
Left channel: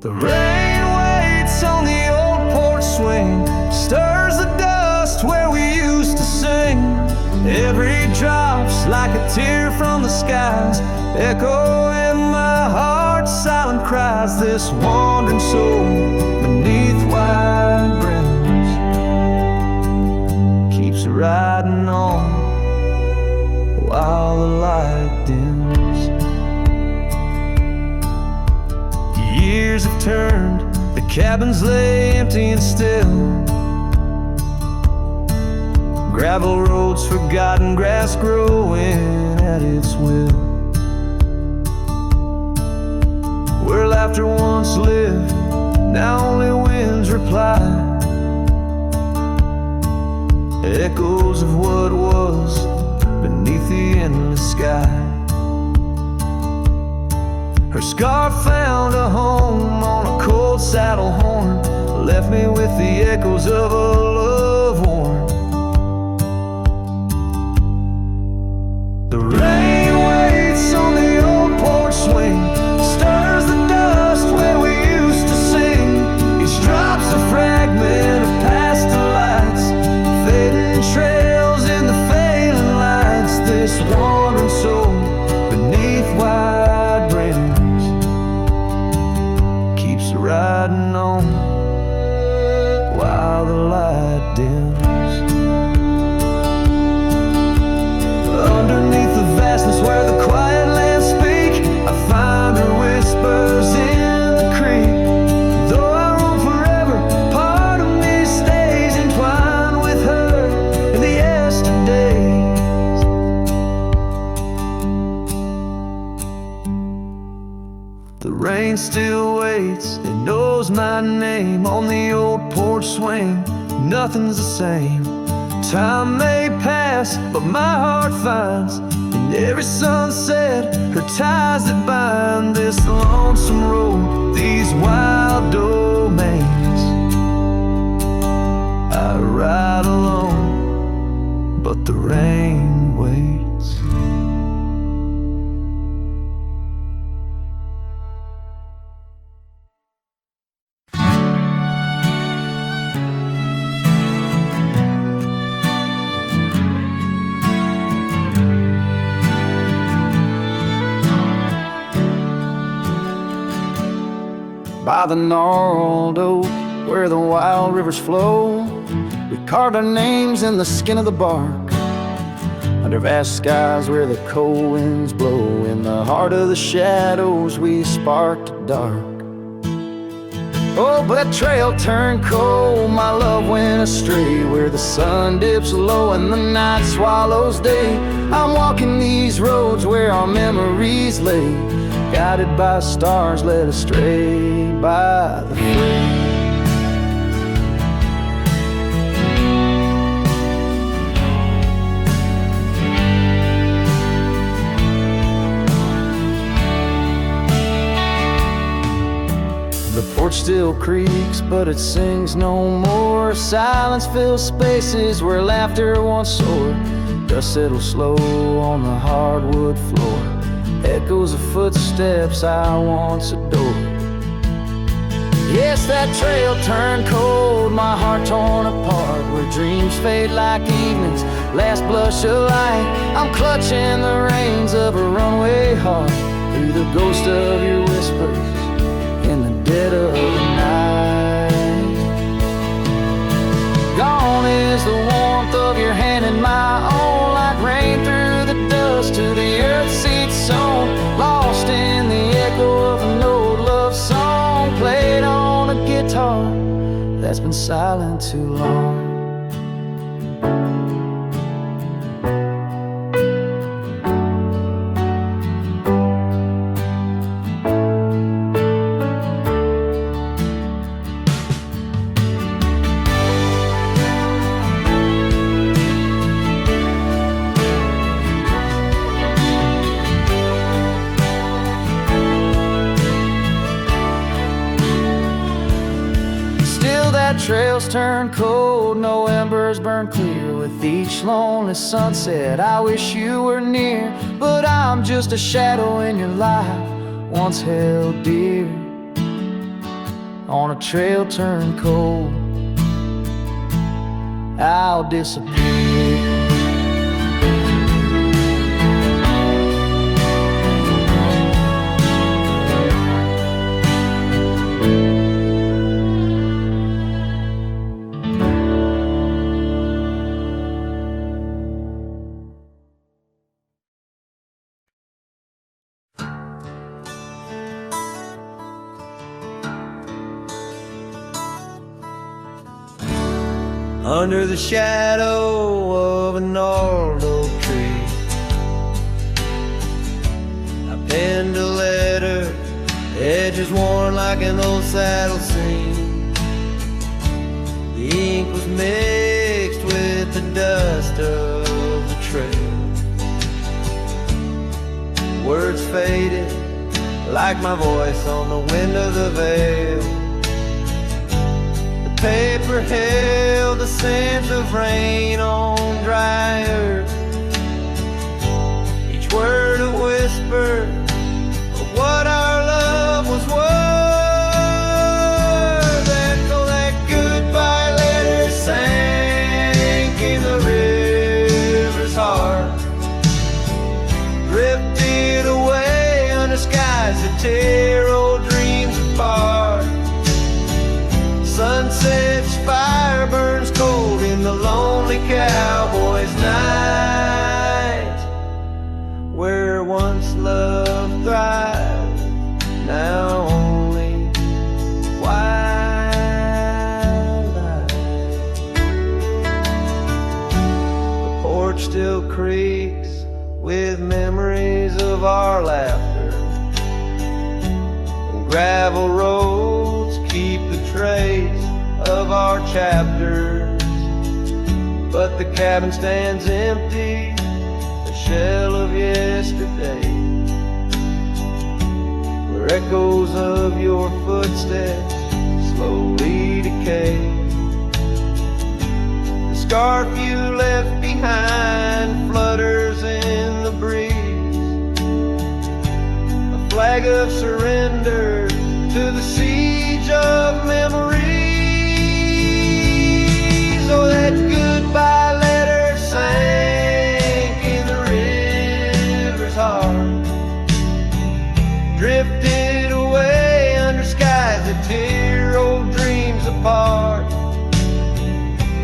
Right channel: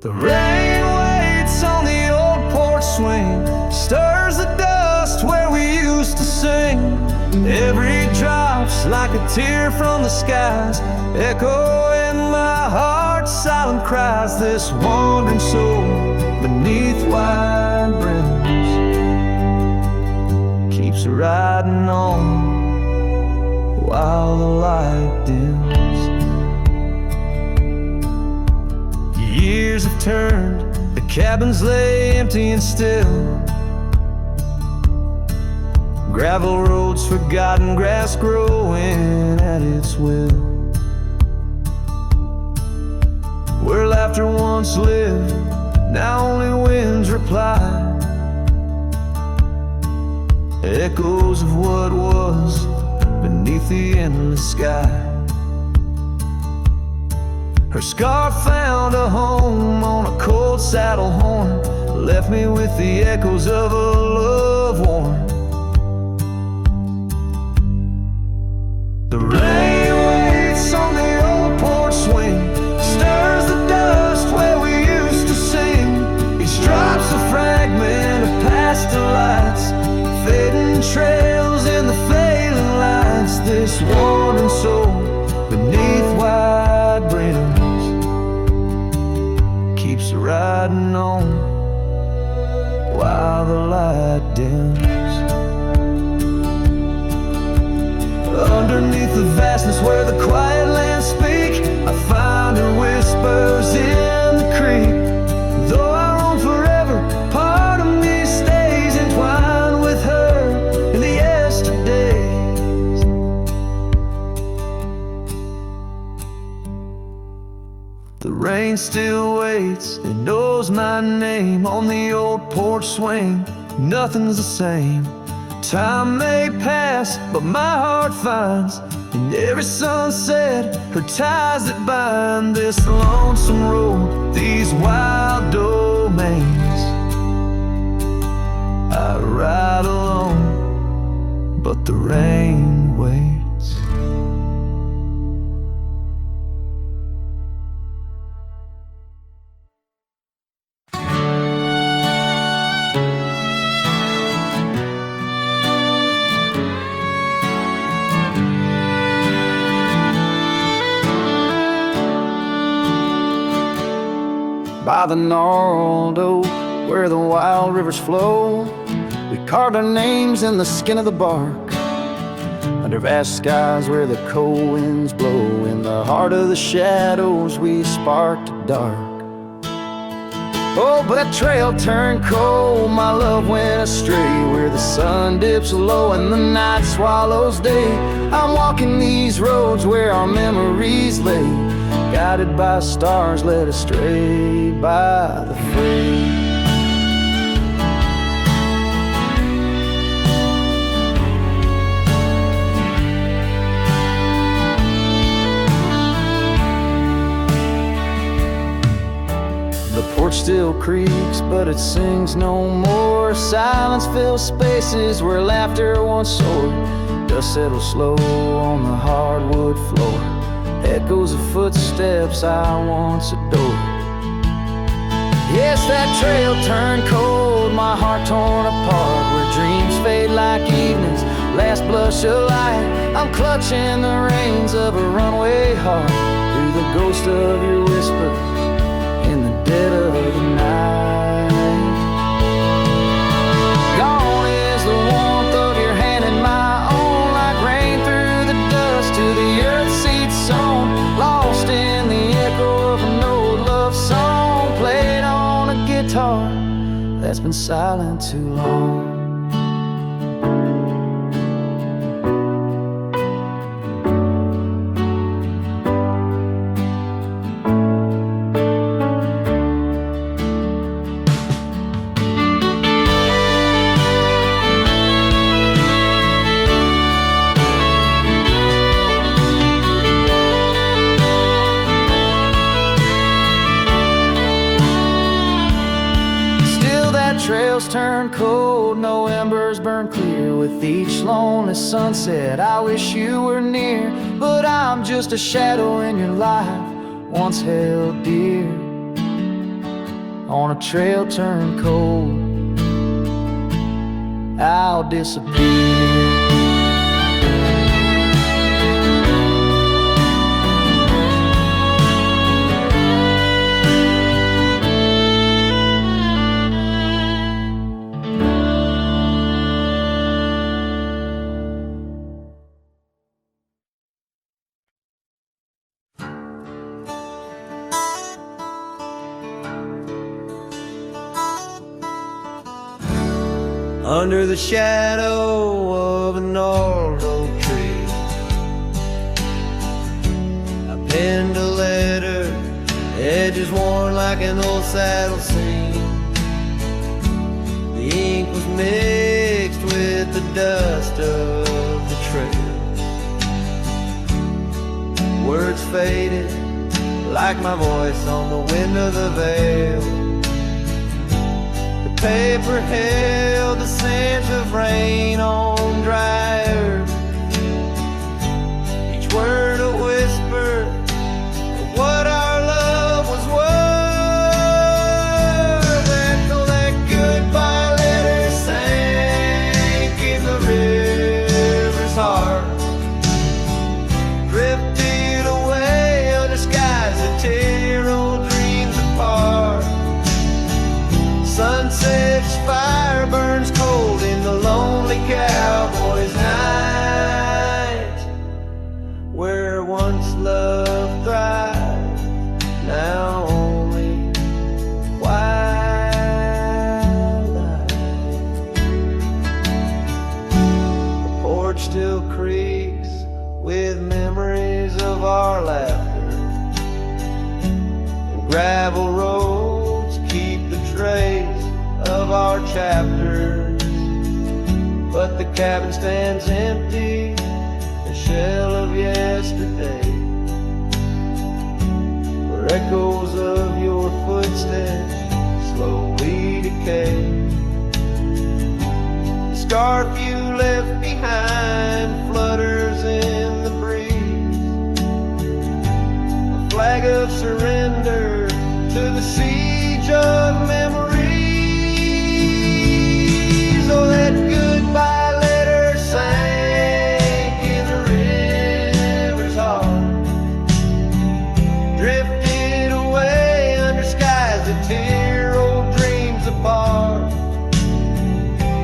The rain waits on the old porch swing, stirs the dust where we used to sing. Every drop's like a tear from the skies, echo in my heart's silent cries. This wandering soul beneath wide brims keeps riding on while the light dims. Years have turned, the cabins lay empty and still. Gravel roads forgotten, grass growing at its will. Where laughter once lived, now only winds reply. Echoes of what was beneath the endless sky. Her scarf found a home on a cold saddle horn, left me with the echoes of a love worn. The rain waits on the old porch swing, stirs the dust where we used to sing. Each drop's a fragment of past delights, fading trails in the failing lights. This wandering soul beneath wide brims keeps riding on while the light dims. Underneath the vastness where the quiet lands speak, I find her whispers in the creek. Though I roam forever, part of me stays entwined with her in the yesterdays. The rain still waits, it knows my name on the old porch swing. Nothing's the same. Time may pass, but my heart finds in every sunset her ties that bind this lonesome road, these wild domains. I ride alone, but the rain waits. By the gnarled oak where the wild rivers flow, we carved our names in the skin of the bark. Under vast skies where the cold winds blow, in the heart of the shadows we sparked a dark. Oh, but that trail turned cold, my love went astray, where the sun dips low and the night swallows day. I'm walking these roads where our memories lay, guided by stars led astray by the fray. still creaks, but it sings no more. Silence fills spaces where laughter once soared. Dust settles slow on the hardwood floor. Echoes of footsteps I once adored. Yes, that trail turned cold, my heart torn apart, where dreams fade like evening's last blush of light. I'm clutching the reins of a runaway heart through the ghost of your whispers in the dead of the night. Gone is the warmth of your hand in my own, like rain through the dust to the earth seed sown. Lost in the echo of an old love song, played on a guitar that's been silent too long. Trails turn cold, no embers burn clear. With each lonely sunset, I wish you were near. But I'm just a shadow in your life, once held dear. On a trail turned cold, I'll disappear. Under the shadow of an old oak tree, I penned a letter, edges worn like an old saddle seam. The ink was mixed with the dust of the trail. Words faded like my voice on the wind of the veil. Paper held the scent of rain on dry earth. Each word a whisper of what our love was worth. That goodbye letter sank in the river's heart, drifted away under skies that tear old dreams apart. Sunset's fire burns cold in the lonely cowboy's night, where once love thrived, now only twilight. The porch still creaks with memories of our laughter, and gravel roads keep the trace of our chapters. But the cabin stands empty, a shell of yesterday, where echoes of your footsteps slowly decay. The scarf you left behind flutters in the breeze, a flag of surrender to the siege of memories. Oh, that goodbye letter sank in the river's heart, drifted away under skies that tear old dreams apart.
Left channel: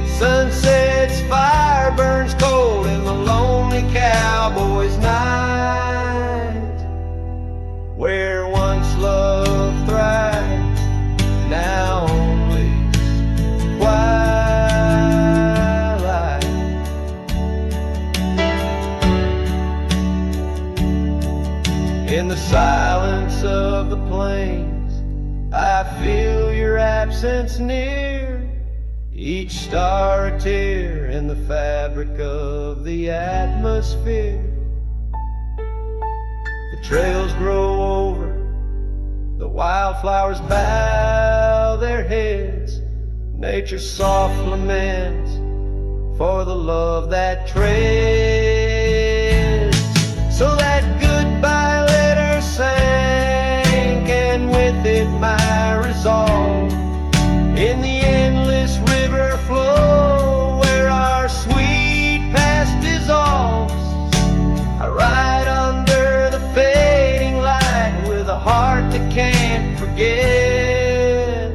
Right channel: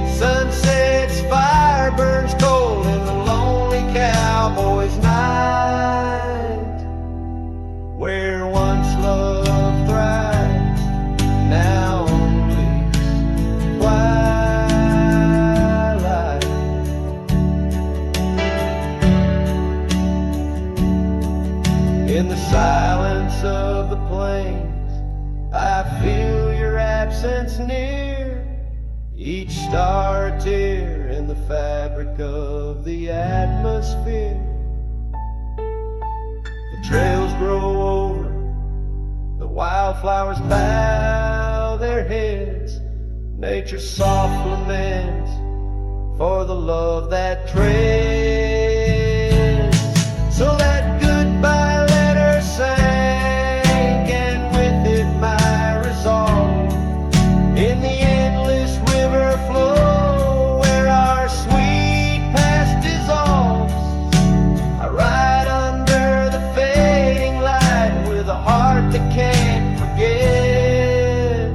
Sunset's fire burns cold in the lonely cowboy's night, where once love thrives, now only twilight. In the silence of the plains, I feel your absence near, each star a tear in the fabric of the atmosphere. The trails grow over The wildflowers bow their heads, nature's soft laments for the love that treads. So that goodbye letter sank, and with it my resolve, in the endless river flow where our sweet past dissolves. I ride under the fading light with a heart that can't forget.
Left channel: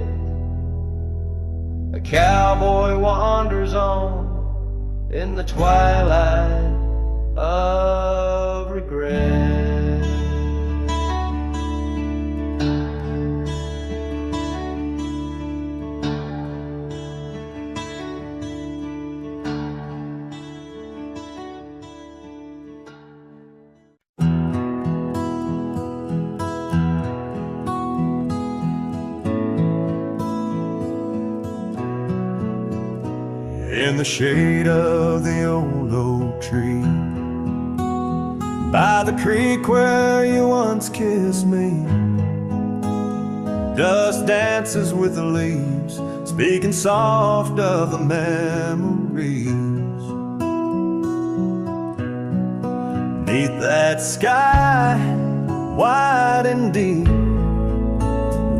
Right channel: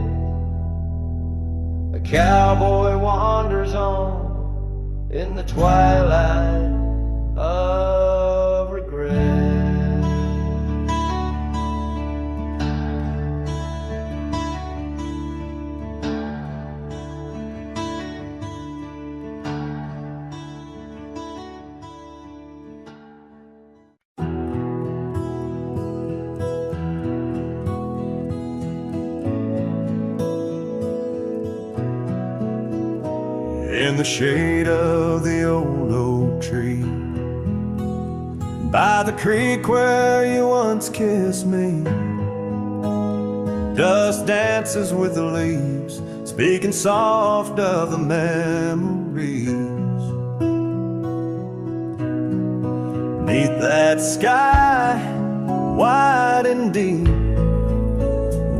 A cowboy wanders on in the twilight of regret. In the shade of the old oak tree, by the creek where you once kissed me, dust dances with the leaves, speaking soft of the memories. Neath that sky, wide and deep,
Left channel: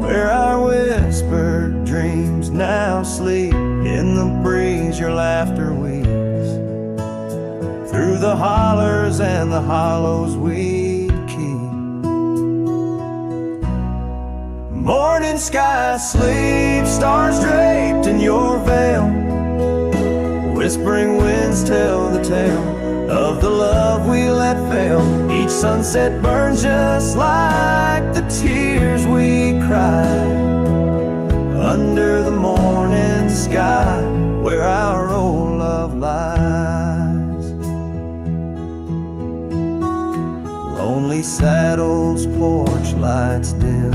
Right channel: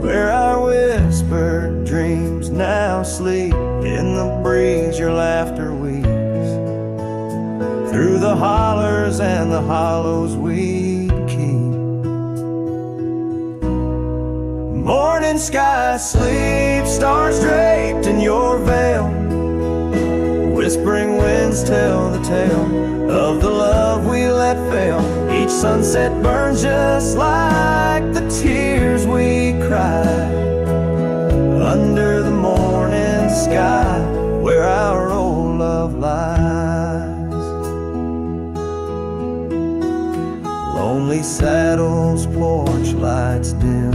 where our whispered dreams now sleep, in the breeze your laughter weaves, through the hollers and the hollows we'd keep. Morning sky sleep, stars draped in your veil, whispering winds tell the tale of the love we let fail. Each sunset burns just like the tears we cried under the morning sky where our old love lies. Lonely saddles, porch lights dim,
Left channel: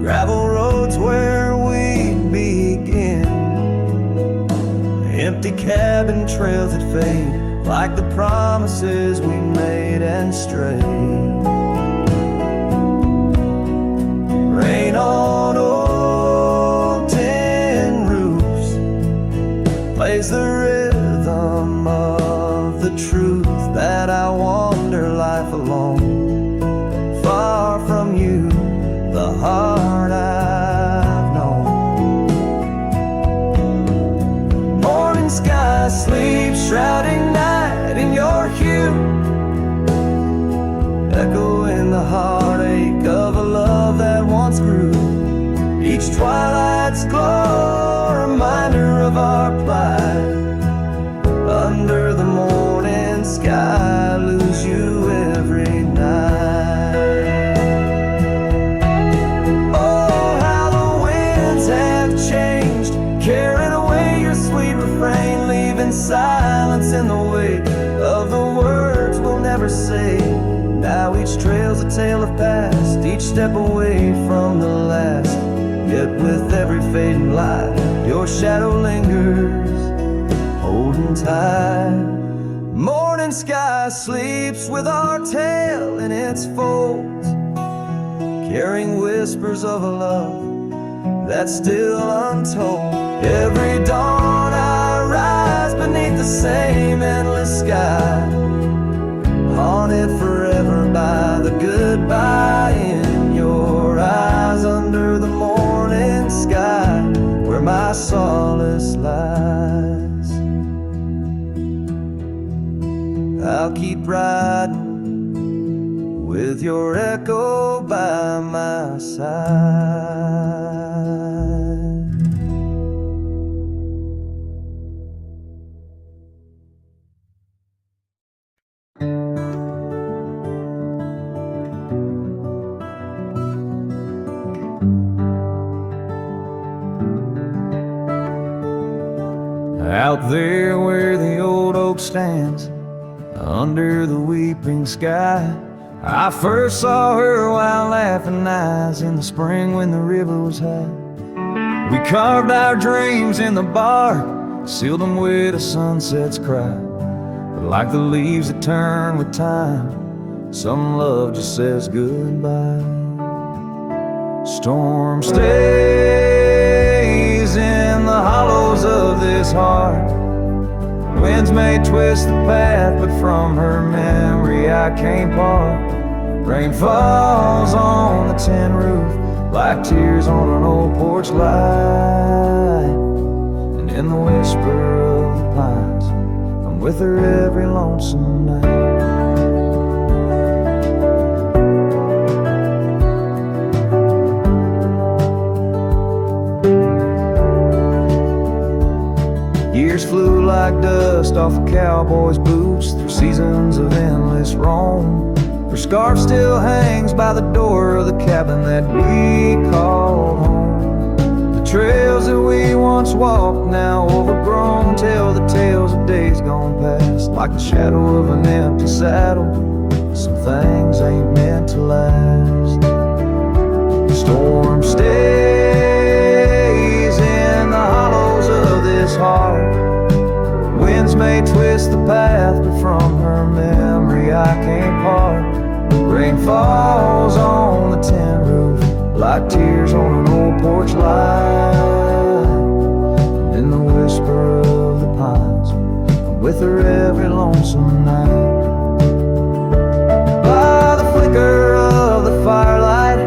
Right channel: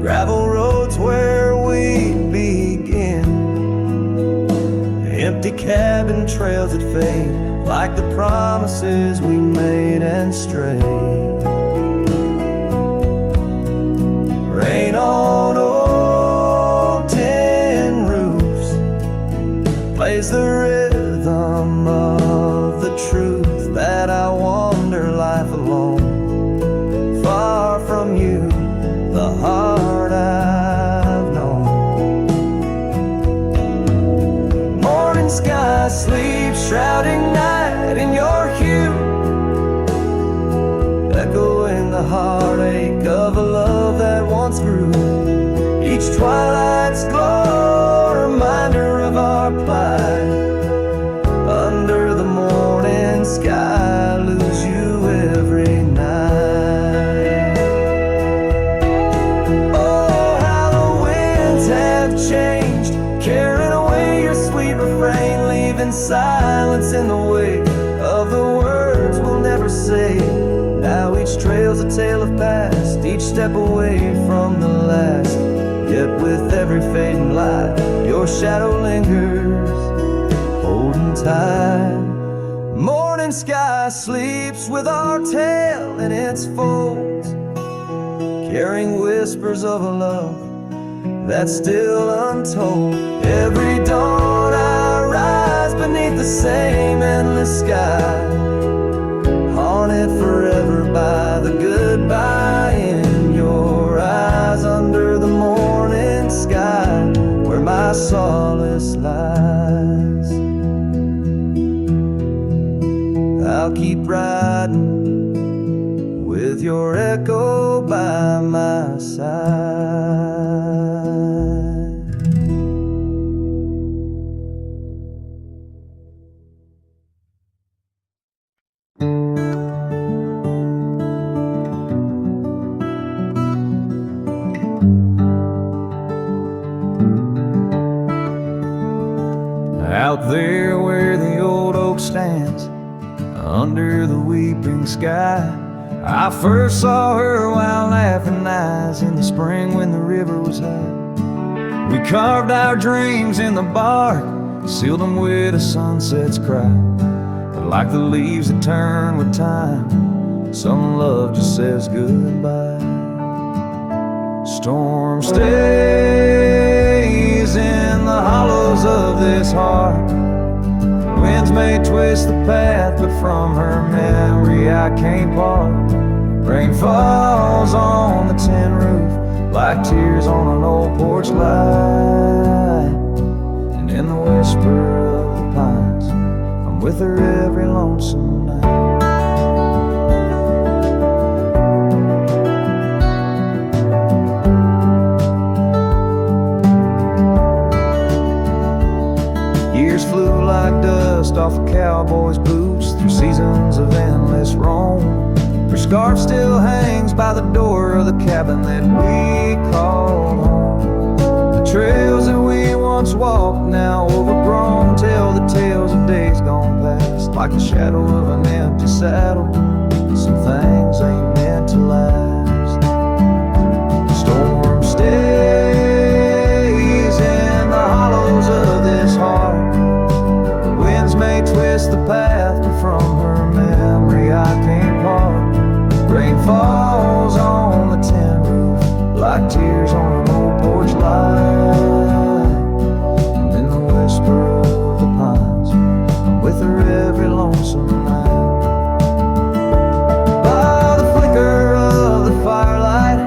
gravel roads where we'd begin, empty cabin trails that fade like the promises we made and strayed. Rain on old tin roofs plays the rhythm of the truth that I wander life alone, far from you, the heart I've known. Morning sky sleeps, shrouding night in your hue, echoing the heartache of a love that once grew. Each twilight's glow, reminder of our plight. Under the morning sky, lose you every night. Oh, how the winds have changed, carrying away your sweet refrain, leaving silence in the wake of the words we'll never say. Now each trail's a tale of past, each step away from the last. Yet with every fading light, your shadow lingers, holding tight. Morning sky sleeps with our tale in its folds, carrying whispers of a love that's still untold. Every dawn I rise beneath the same endless sky, haunted forever by the goodbye in your eyes. Under the morning sky where my solace lies, I'll keep riding with your echo by my side. Out there where the old oak stands, under the weeping sky, I first saw her while laughing eyes in the spring when the river was high. We carved our dreams in the bark, sealed them with a sunset's cry. But like the leaves that turn with time, some love just says goodbye. Storm stays in the hollows of this heart. Winds may twist the path, but from her memory I can't part. Rain falls on the tin roof like tears on an old porch light. And in the whisper of the pines, I'm with her every lonesome night. Years flew like dust off a cowboy's boots through seasons of endless roam. Her scarf still hangs by the door of the cabin that we called home. The trails that we once walked, now overgrown, tell the tales of days gone past, like the shadow of an empty saddle. Some things ain't meant to last. The storm stays in the hollows of this heart. Winds may twist the path, but from her memory I can't part. Rain falls on the tin roof like tears on an old porch light. And in the whisper of the pines, I'm with her every lonesome night. By the flicker of the firelight,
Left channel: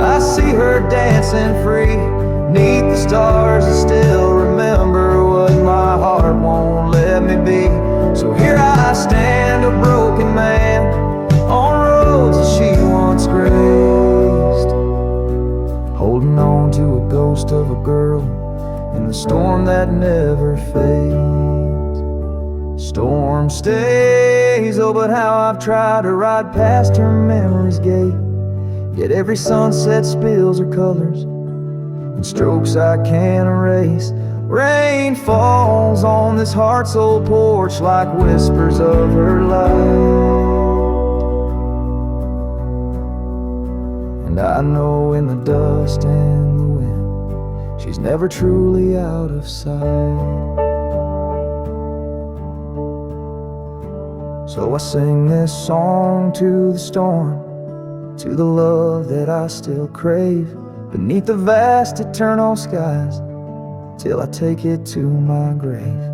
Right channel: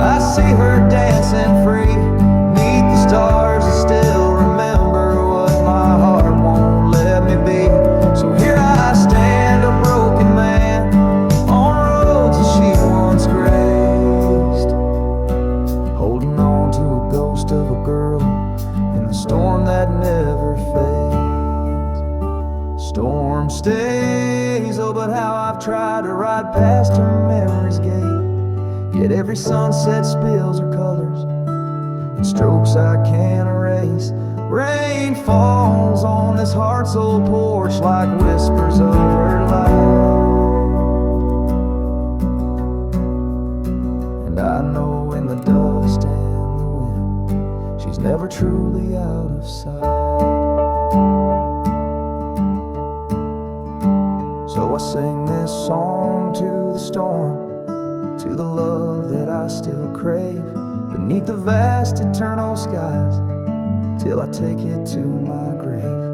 I see her dancing free. 'Neath the stars I still remember what my heart won't let me be. So here I stand, a broken man, on roads that she once graced, holding on to a ghost of a girl in the storm that never fades. Storm stays, oh but how I've tried to ride past her memory's gate. Yet every sunset spills her colors in strokes I can't erase. Rain falls on this heart's old porch like whispers of her life. And I know in the dust and the wind, she's never truly out of sight. So I sing this song to the storm, to the love that I still crave, beneath the vast eternal skies, till I take it to my grave.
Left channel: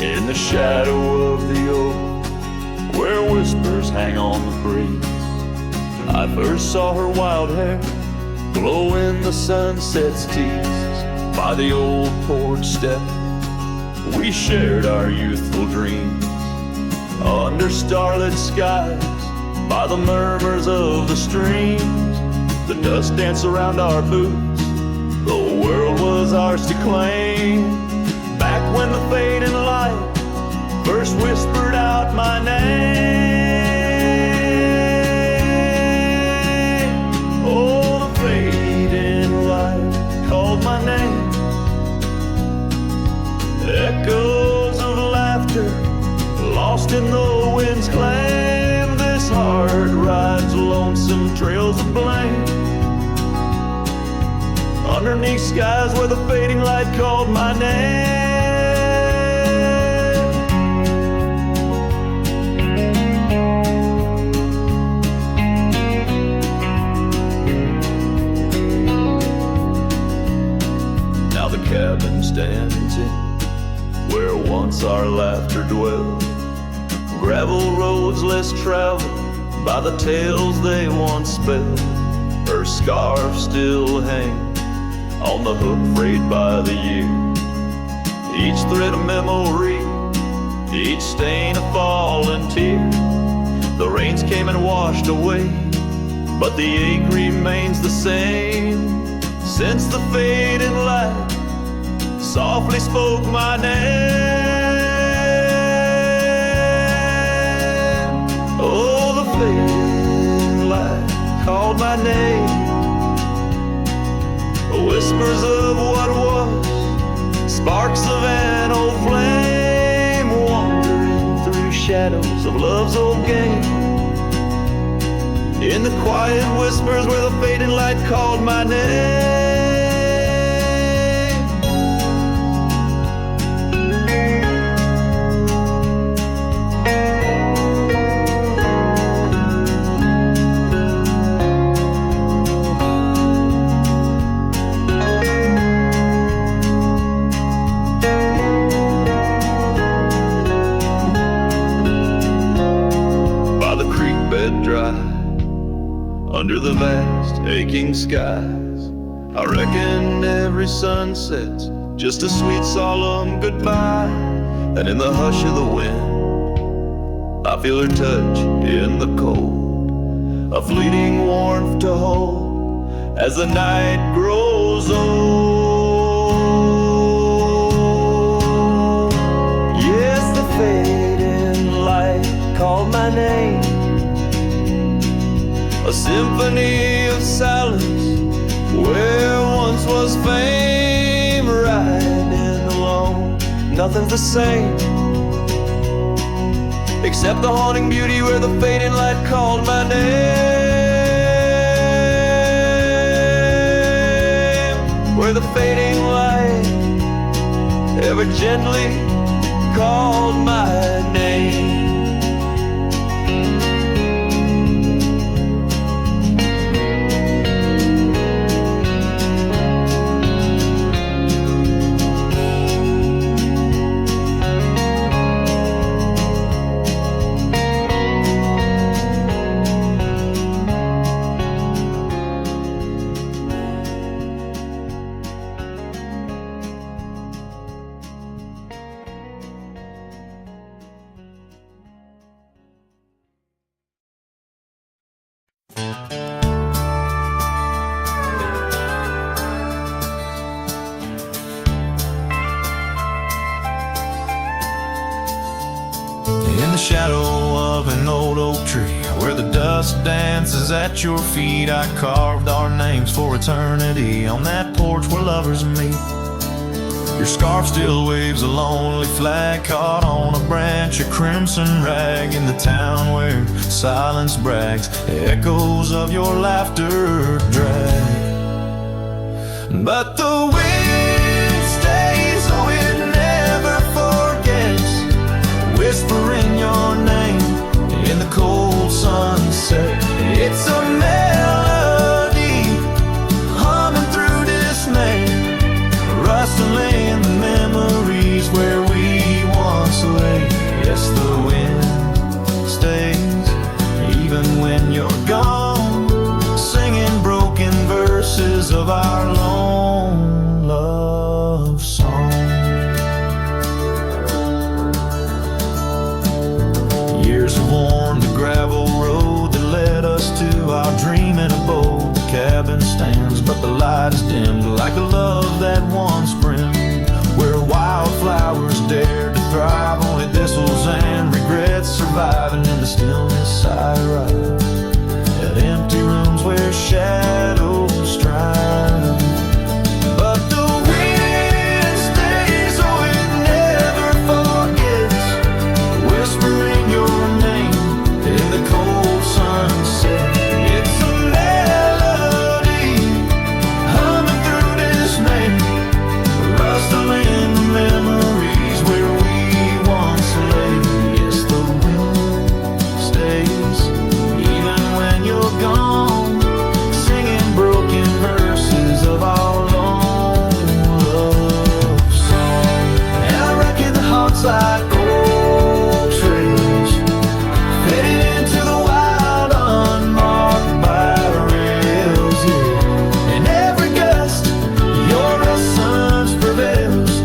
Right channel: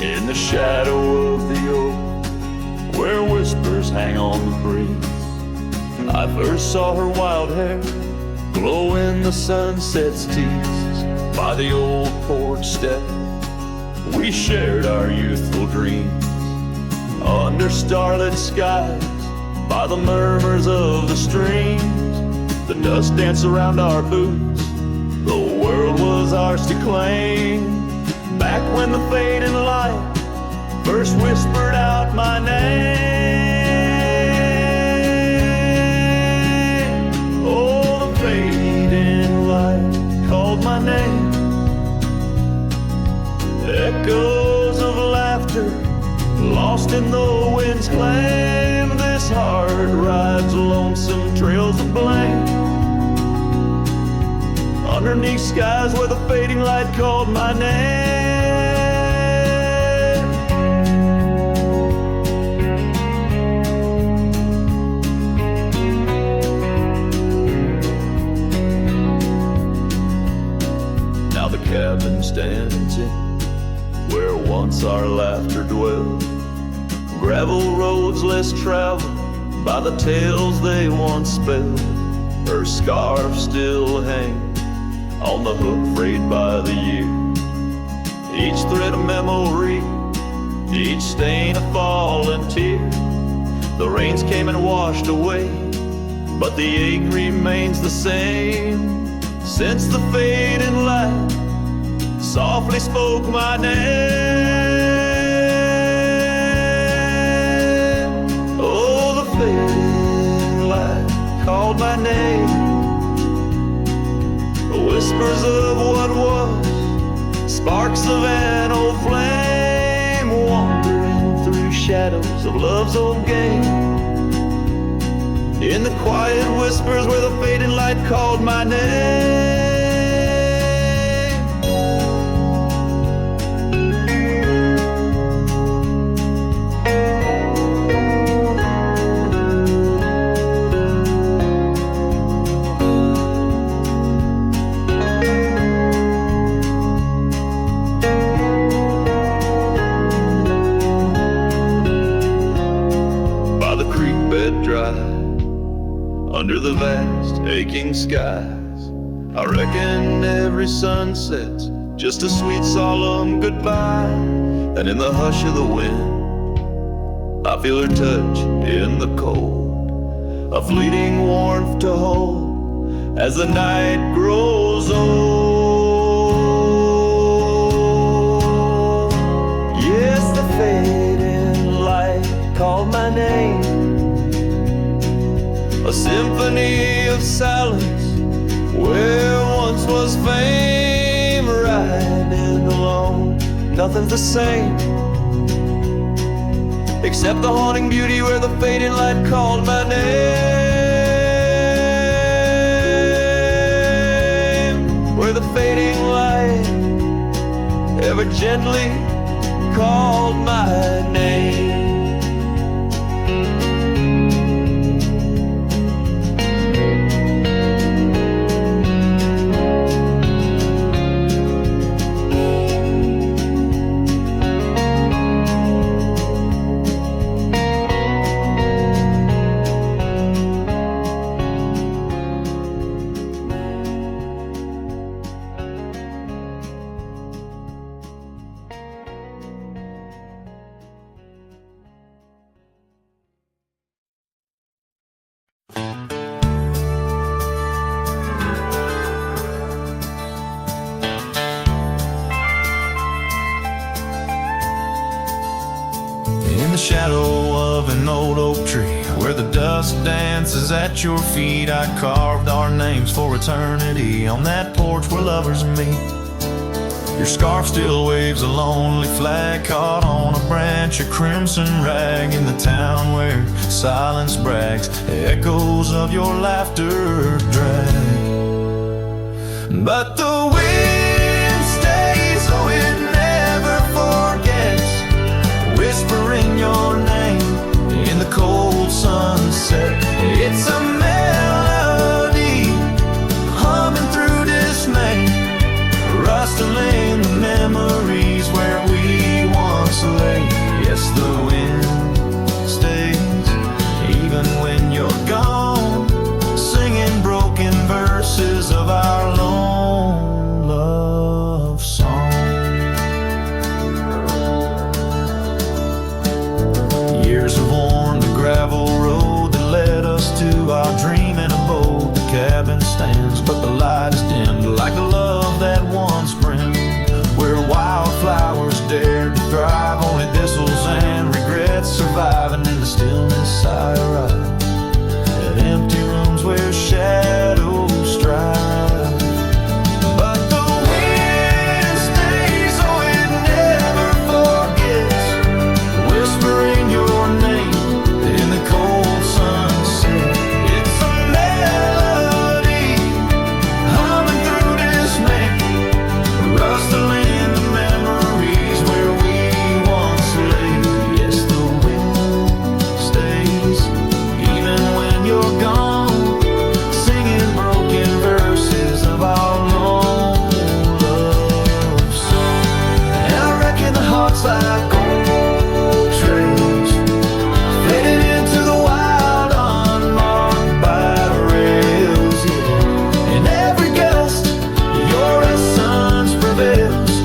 In the shadow of the oak, where whispers hang on the breeze, I first saw her wild hair glow in the sunset's tease. By the old porch step, we shared our youthful dreams, under starlit skies, by the murmurs of the streams. The dust danced around our boots, the world was ours to claim. Back when the fading light first whispered out my name. Oh, the fading light called my name. Echoes of laughter lost in the wind's claim. This heart rides lonesome trails of blame, underneath skies where the fading light called my name. Now the cabin stands in where once our laughter dwelled, gravel roads less traveled by the tales they once spelled. Her scarf still hangs on the hook frayed by the year, each thread a memory, each stain a fallen tear. The rains came and washed away, but the ache remains the same. Since the fading light softly spoke my name. Oh, the fading light called my name. whispers of what was, sparks of an old flame, wandering through shadows of love's old game. In the quiet whispers where the fading light called my name. Under the vast, aching skies, I reckon every sunset's just a sweet, solemn goodbye. And in the hush of the wind, I feel her touch in the cold, a fleeting warmth to hold as the night grows old. Yes, the fading light called my name, a symphony of silence where once was fame. Riding alone, nothing's the same except the haunting beauty where the fading light called my name. Where the fading light ever gently called my name. In the shadow of an old oak tree, where the dust dances at your feet, I carved our names for eternity on that porch where lovers meet. Your scarf still waves a lonely flag caught on a branch, a crimson rag in the town where silence brags, echoes of your laughter drag. But the wind stays, oh it never forgets, whispering your name in the cold sunset. It's a melody humming through dismay, rustling the memories where we once lay. Yes, the wind stays even when you're gone, singing broken verses of our lone love song. Years have worn the gravel road that led us to our dreaming abode. The cabin stands, but the light is dimmed like the love that once brimmed. Where wildflowers dared to thrive, only thistles and regrets surviving. In the stillness I arrive at empty rooms where shadows strive. But the wind stays, oh it never forgets, whispering your name in the cold sunset. It's a melody humming through dismay, rustling the memories where we once lay. Yes, the wind stays even when you're gone, singing broken verses of our long love song. And I reckon the heart's like old trails fading into the wild, unmarked by rails, yeah. In every gust, your essence prevails,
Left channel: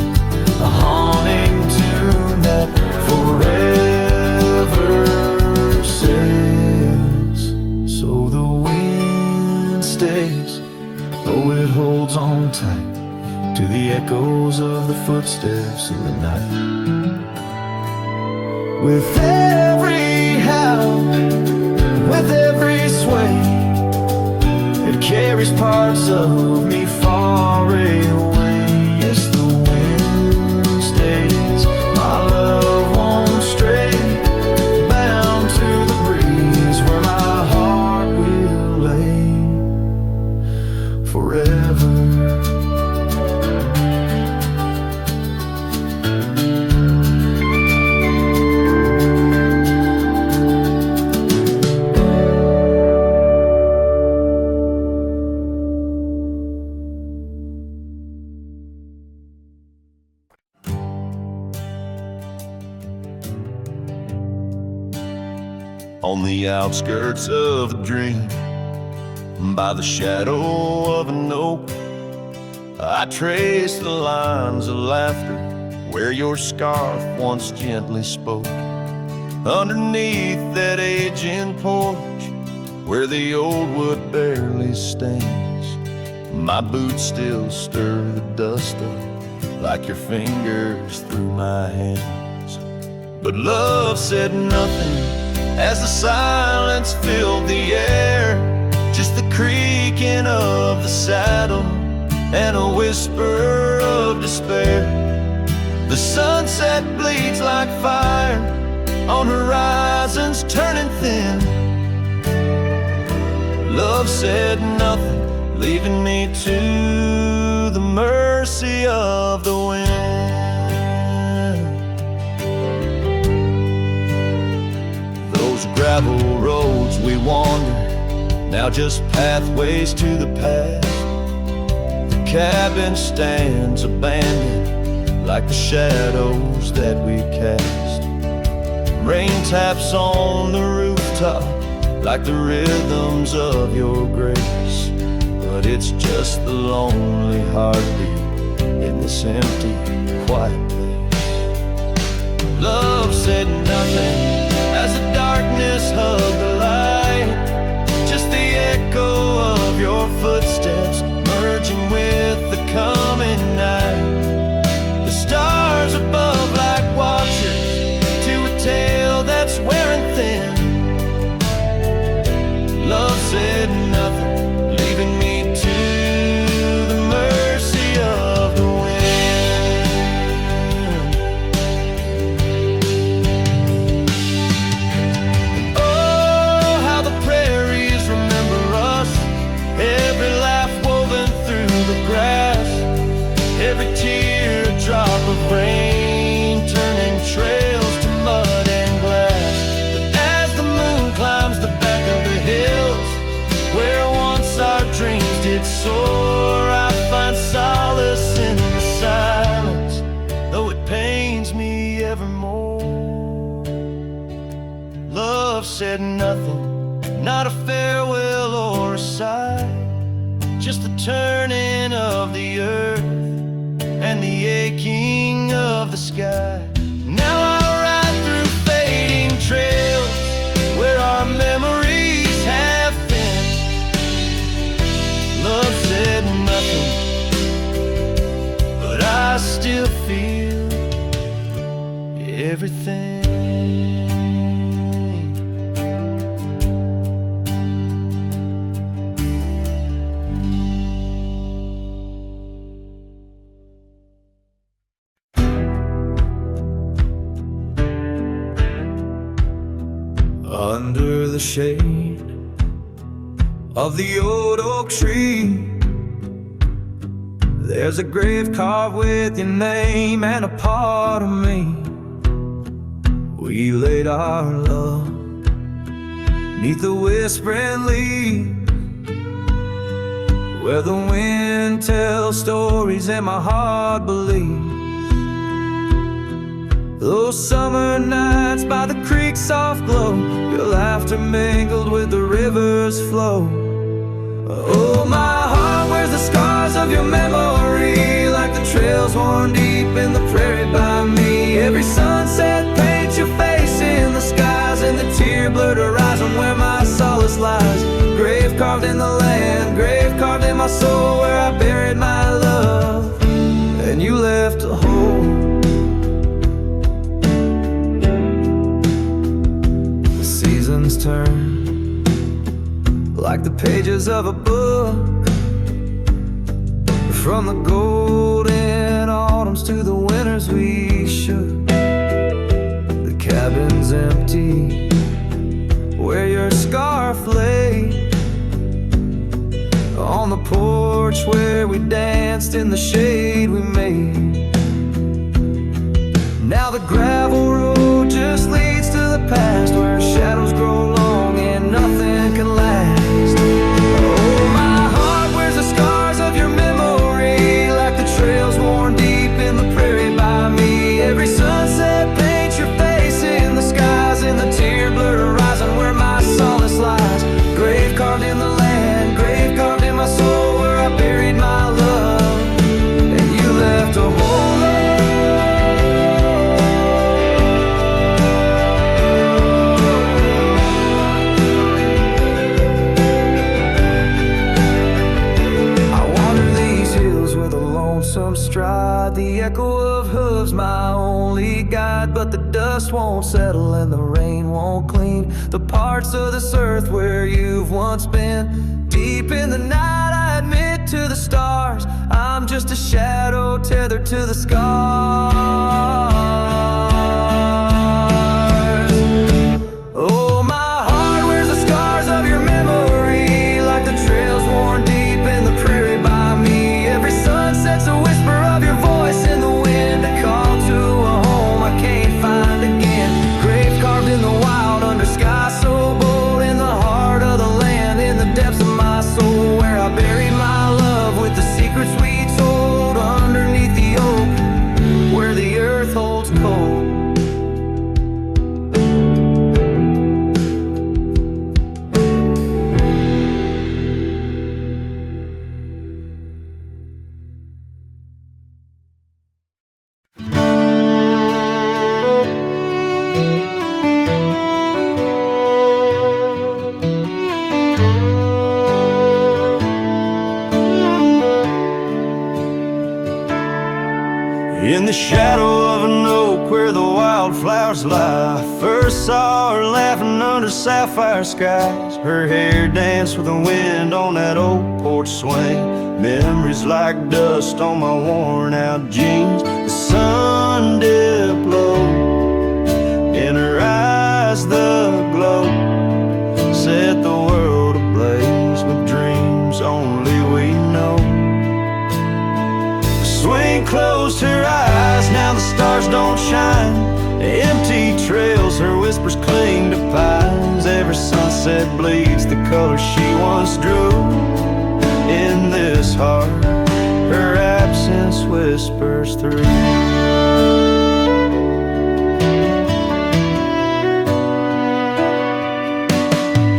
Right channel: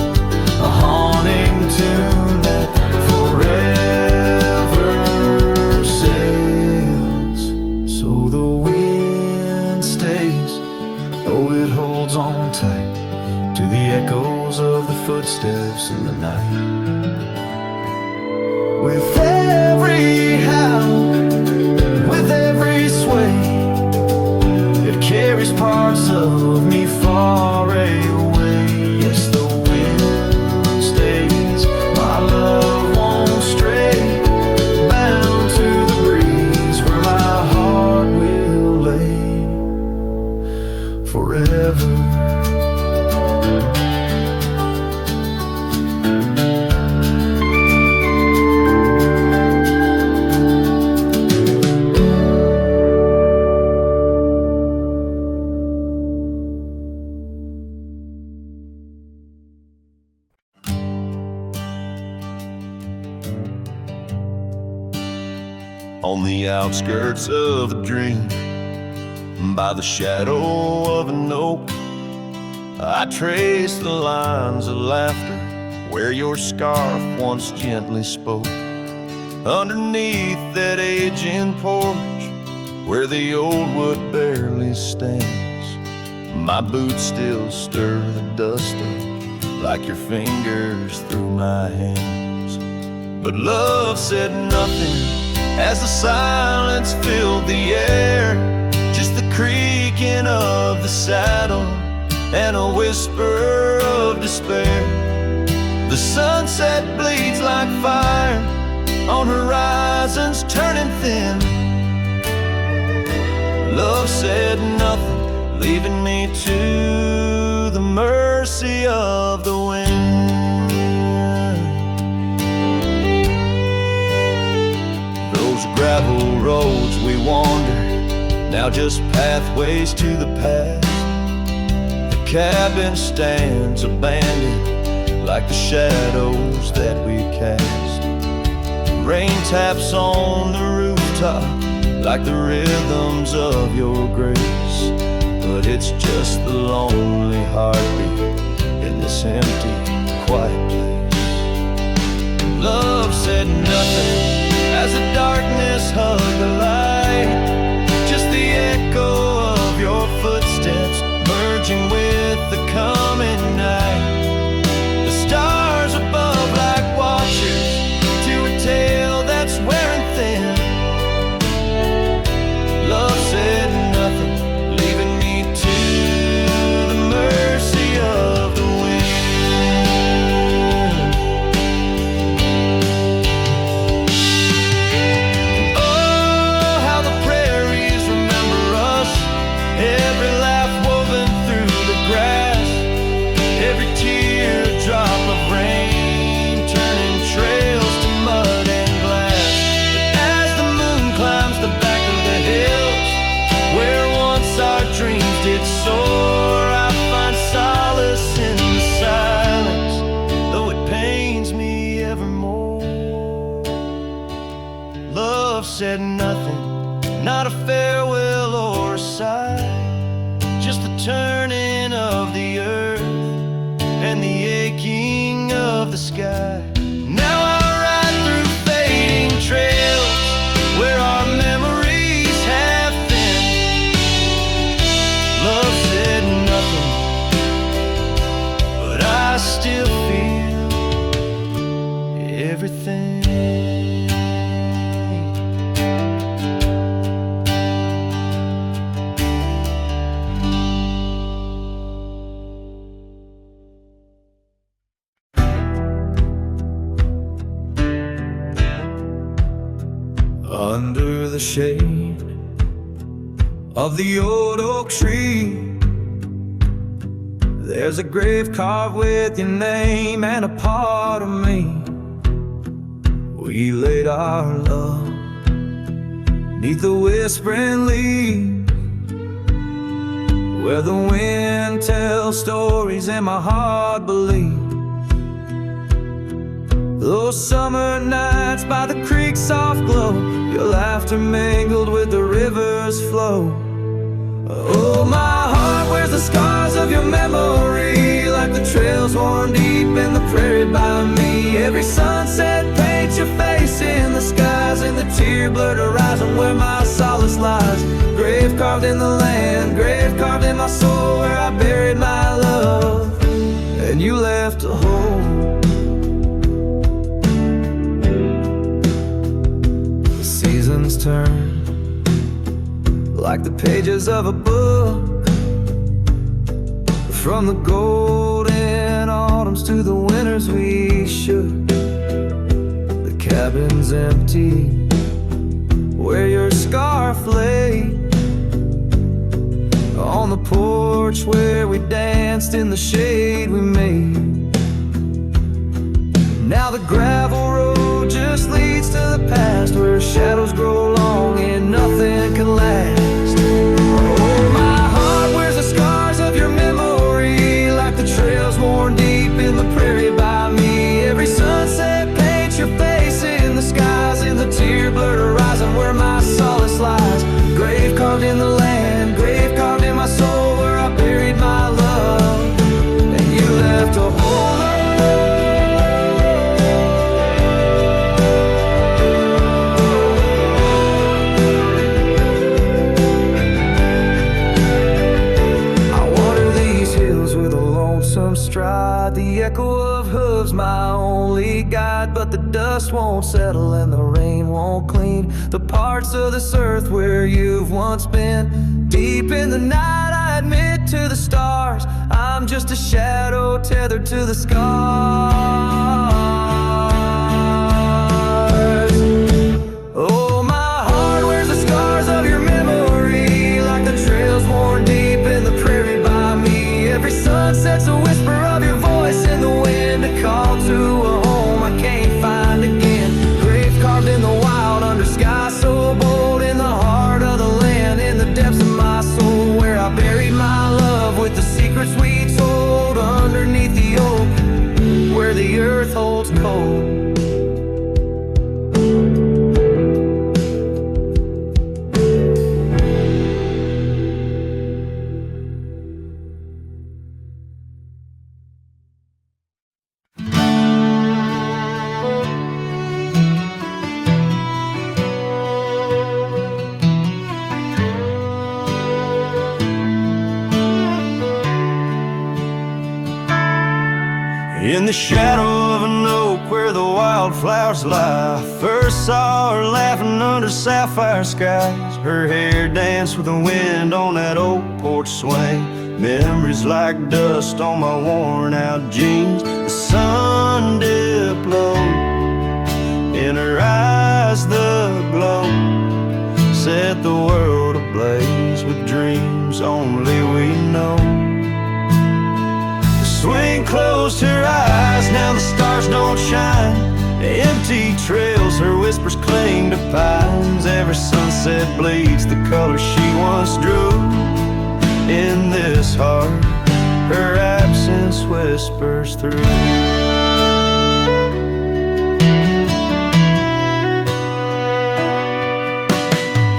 a haunting tune that forever sails. So the wind stays, though it holds on tight to the echoes of the footsteps in the night. With every howl, with every sway, It carries parts of me far away. Yes, the wind stays, my love won't stray, bound to the breeze where my heart will lay forever. On the outskirts of a dream, by the shadow of an oak, I trace the lines of laughter where your scarf once gently spoke. Underneath that aging porch where the old wood barely stands, my boots still stir the dust up like your fingers through my hands. But love said nothing as the silence filled the air, just the creaking of the saddle and a whisper of despair. The sunset bleeds like fire on horizons turning thin. Love said nothing, leaving me to the mercy of the wind. Those gravel roads we wandered, now just pathways to the past. The cabin stands abandoned like the shadows that we cast. Rain taps on the rooftop like the rhythms of your grace, but it's just the lonely heartbeat in this empty, quiet place. Love said nothing as the darkness hugged the light, just the echo of your footsteps merging with the coming night. The stars above like watchers to a tale that's wearing thin. Love said nothing, leaving me to the mercy of the wind. And oh, how the prairies remember us, every laugh woven through the grass, every teardrop of rain turning trails to mud and glass. But as the moon climbs the back of the hills where once our dreams did soar, I find solace in the silence, though it pains me evermore. Love said nothing, not a farewell or a sigh, just the turning of the earth and the aching of the sky. Now I ride through fading trails where our memories have thinned. Love said nothing, but I still feel everything. Under the shade of the old oak tree, there's a grave carved with your name and a part of me. We laid our love 'neath the whispering leaves, where the wind tells stories and my heart believes. Those summer nights by the creek's soft glow, your laughter mingled with the river's flow. Oh, my heart wears the scars of your memory, like the trails worn deep in the prairie by me. Every sunset paints your face in the skies, and the tear-blurred horizon where my solace lies. Grave carved in the land, grave carved in my soul, where I buried my love, and you left a hole. The seasons turn like the pages of a book. From the golden autumns to the winters we shook. The cabin's empty where your scarf lay. On the porch where we danced in the shade we made. Now the gravel road just leads to the past, where shadows grow long and nothing can last. Oh, my heart wears the scars of your memory, like the trails worn deep in the prairie by me. Every sunset paints your face in the skies, in the tear-blurred horizon where my solace lies. Grave carved in the land, grave carved in my soul, where I buried my love, and you left a hole. With a lonesome stride, the echo of hooves my only guide. But the dust won't settle and the rain won't clean the parts of this earth where you've once been. Deep in the night I admit to the stars, I'm just a shadow tethered to the scars. Oh, my heart wears the scars of your memory, like the trails worn deep in the prairie by me. Every sunset's a whisper of your voice in the wind, a call to a home I can't find again. Grave carved in the wild under sky so bold, in the heart of the land, in the depths of my soul, where I buried my love with the secrets we told underneath the oak, where the earth holds cold. In the shadow of an oak where the wildflowers lie, first saw her laughing under sapphire skies. Her hair danced with the wind on that old porch swing. Memories like dust on my worn out jeans. The sun dipped low, in her eyes the glow set the world ablaze with dreams only we know. Swing closed her eyes, now the stars don't shine. Empty trails, her whispers cling to pines. Every sunset bleeds the color she once drew. In this heart, her absence whispers through.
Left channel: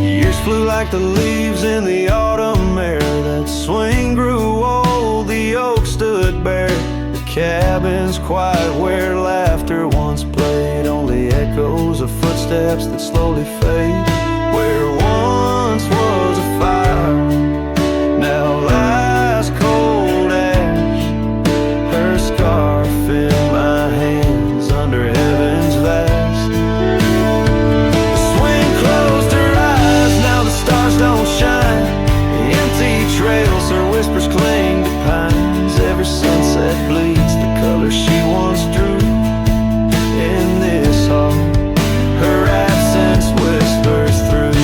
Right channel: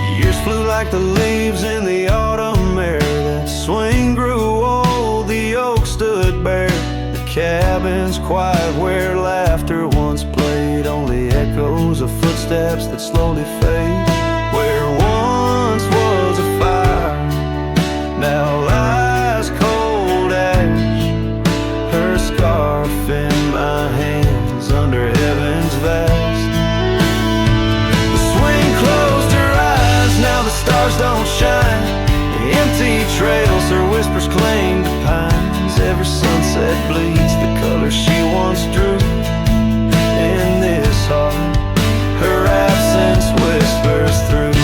Years flew like the leaves in the autumn air. That swing grew old, the oak stood bare. The cabin's quiet where laughter once played, only echoes of footsteps that slowly fade. Where once was a fire, now lies cold ash. Her scarf in my hands under heaven's vast. The swing closed her eyes, now the stars don't shine. Empty trails, her whispers cling to pines. Every sunset bleeds the color she once drew. In this heart, her absence whispers through.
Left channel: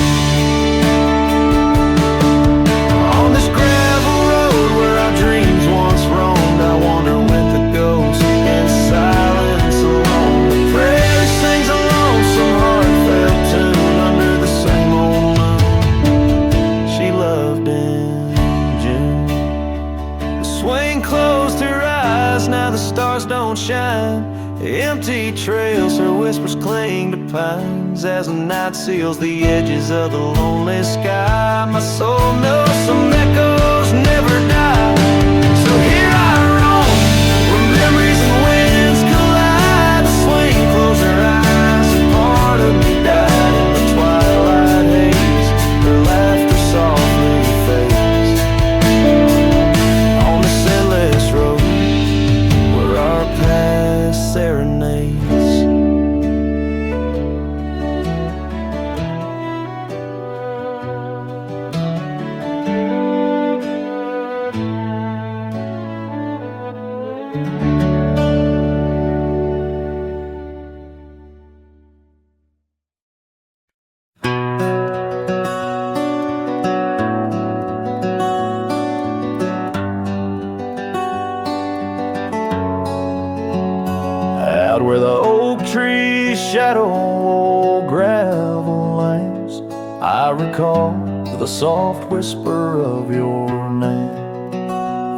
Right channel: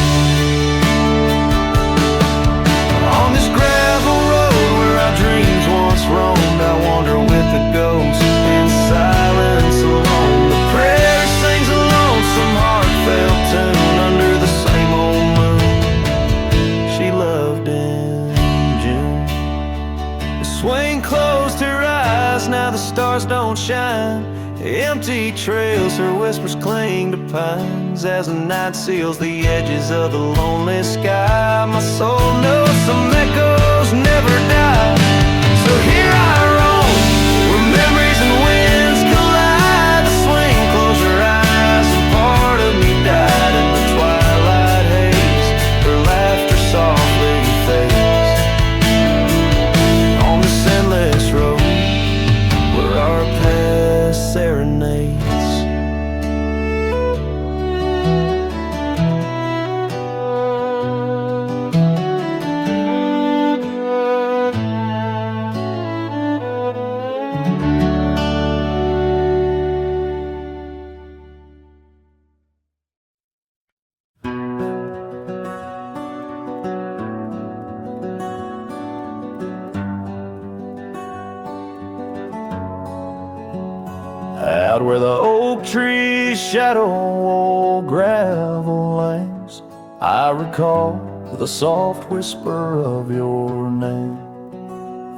On this gravel road where our dreams once roamed, I wander with the ghost in silence alone. The prairie sings a lonesome heartfelt tune under the same old moon she loved in June. The swing closed her eyes, now the stars don't shine. Empty trails, her whispers cling to pines. As the night seals the edges of the lonely sky, my soul knows some echoes never die. So here I roam, where memories and winds collide. The swing closed her eyes and part of me died in the twilight haze. Her laughter softly fades on this endless road where our past serenades. Out where the oak trees shadow old gravel lanes, I recall the soft whisper of your name.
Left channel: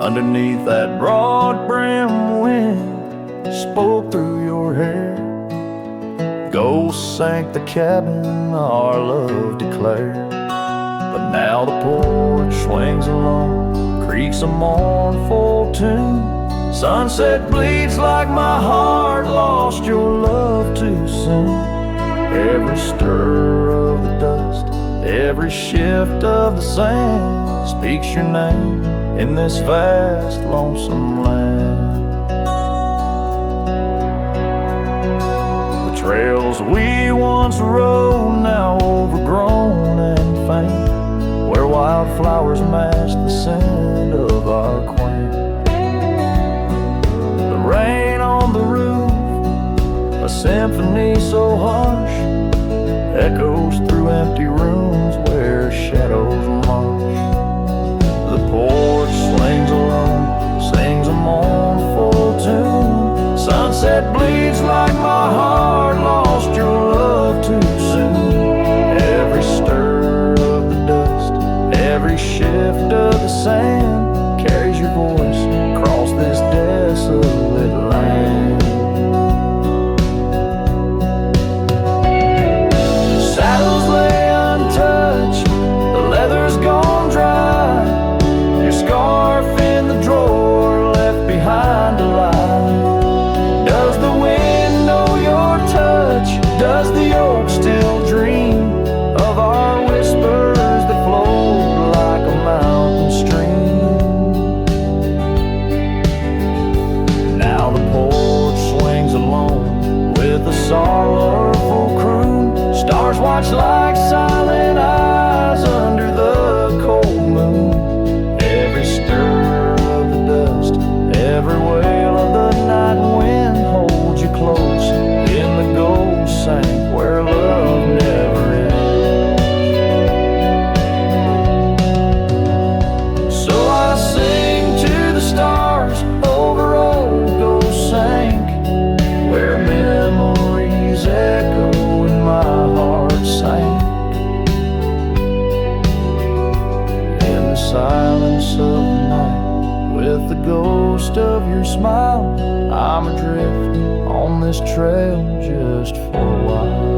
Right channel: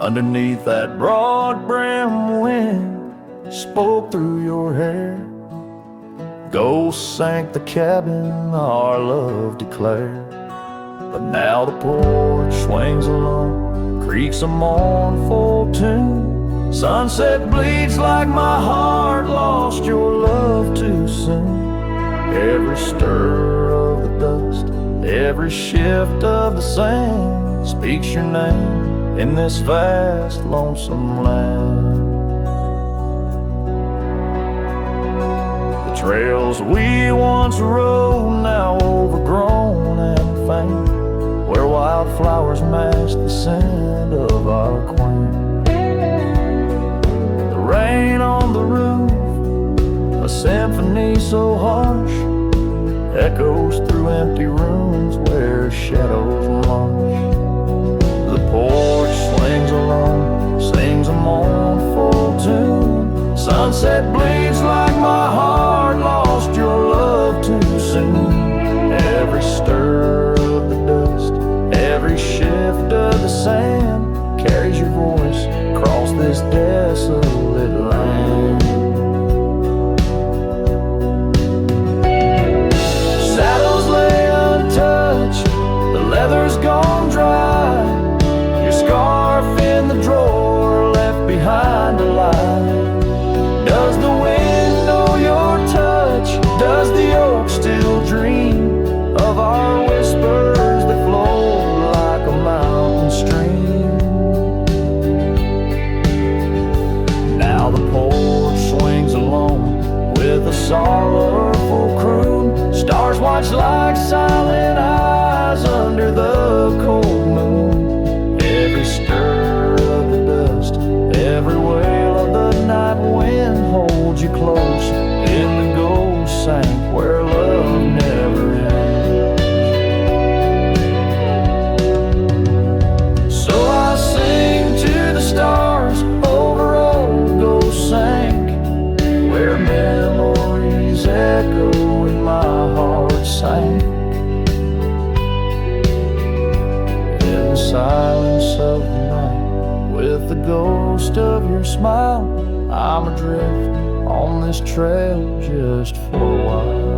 Underneath that broad brim wind spoke through your hair. Ghosts sank the cabin our love declared. But now the porch swings alone, creaks a mournful tune. Sunset bleeds like my heart lost your love too soon. Every stir of the dust, every shift of the sand speaks your name in this vast, lonesome land. The trails we once rode, now overgrown and faint, where wildflowers match the scent of our quaint. The rain on the roof, a symphony so harsh, echoes through empty rooms where shadows march. The porch swings alone, sings a mournful tune. Sunset bleeds like my heart lost your love too soon. Every stir of the dust, every shift of the sand carries your voice across this desolate land. Saddles lay untouched, the leather's gone dry. Your scarf in the drawer left behind to lie. Does the wind know your touch? Does the oak still dream of our whispers that flowed like a mountain stream? Now the porch swings alone with a sorrowful croon. Stars watch like silent eyes under the cold moon. Every stir of the dust, every wail of the night wind holds you close in the gold sank where love never ends. So I sing to the stars over old ghost sank, where memories echo and my heart sank. In the silence of the night, with the ghost of your smile, I'm adrift on this trail just for a while.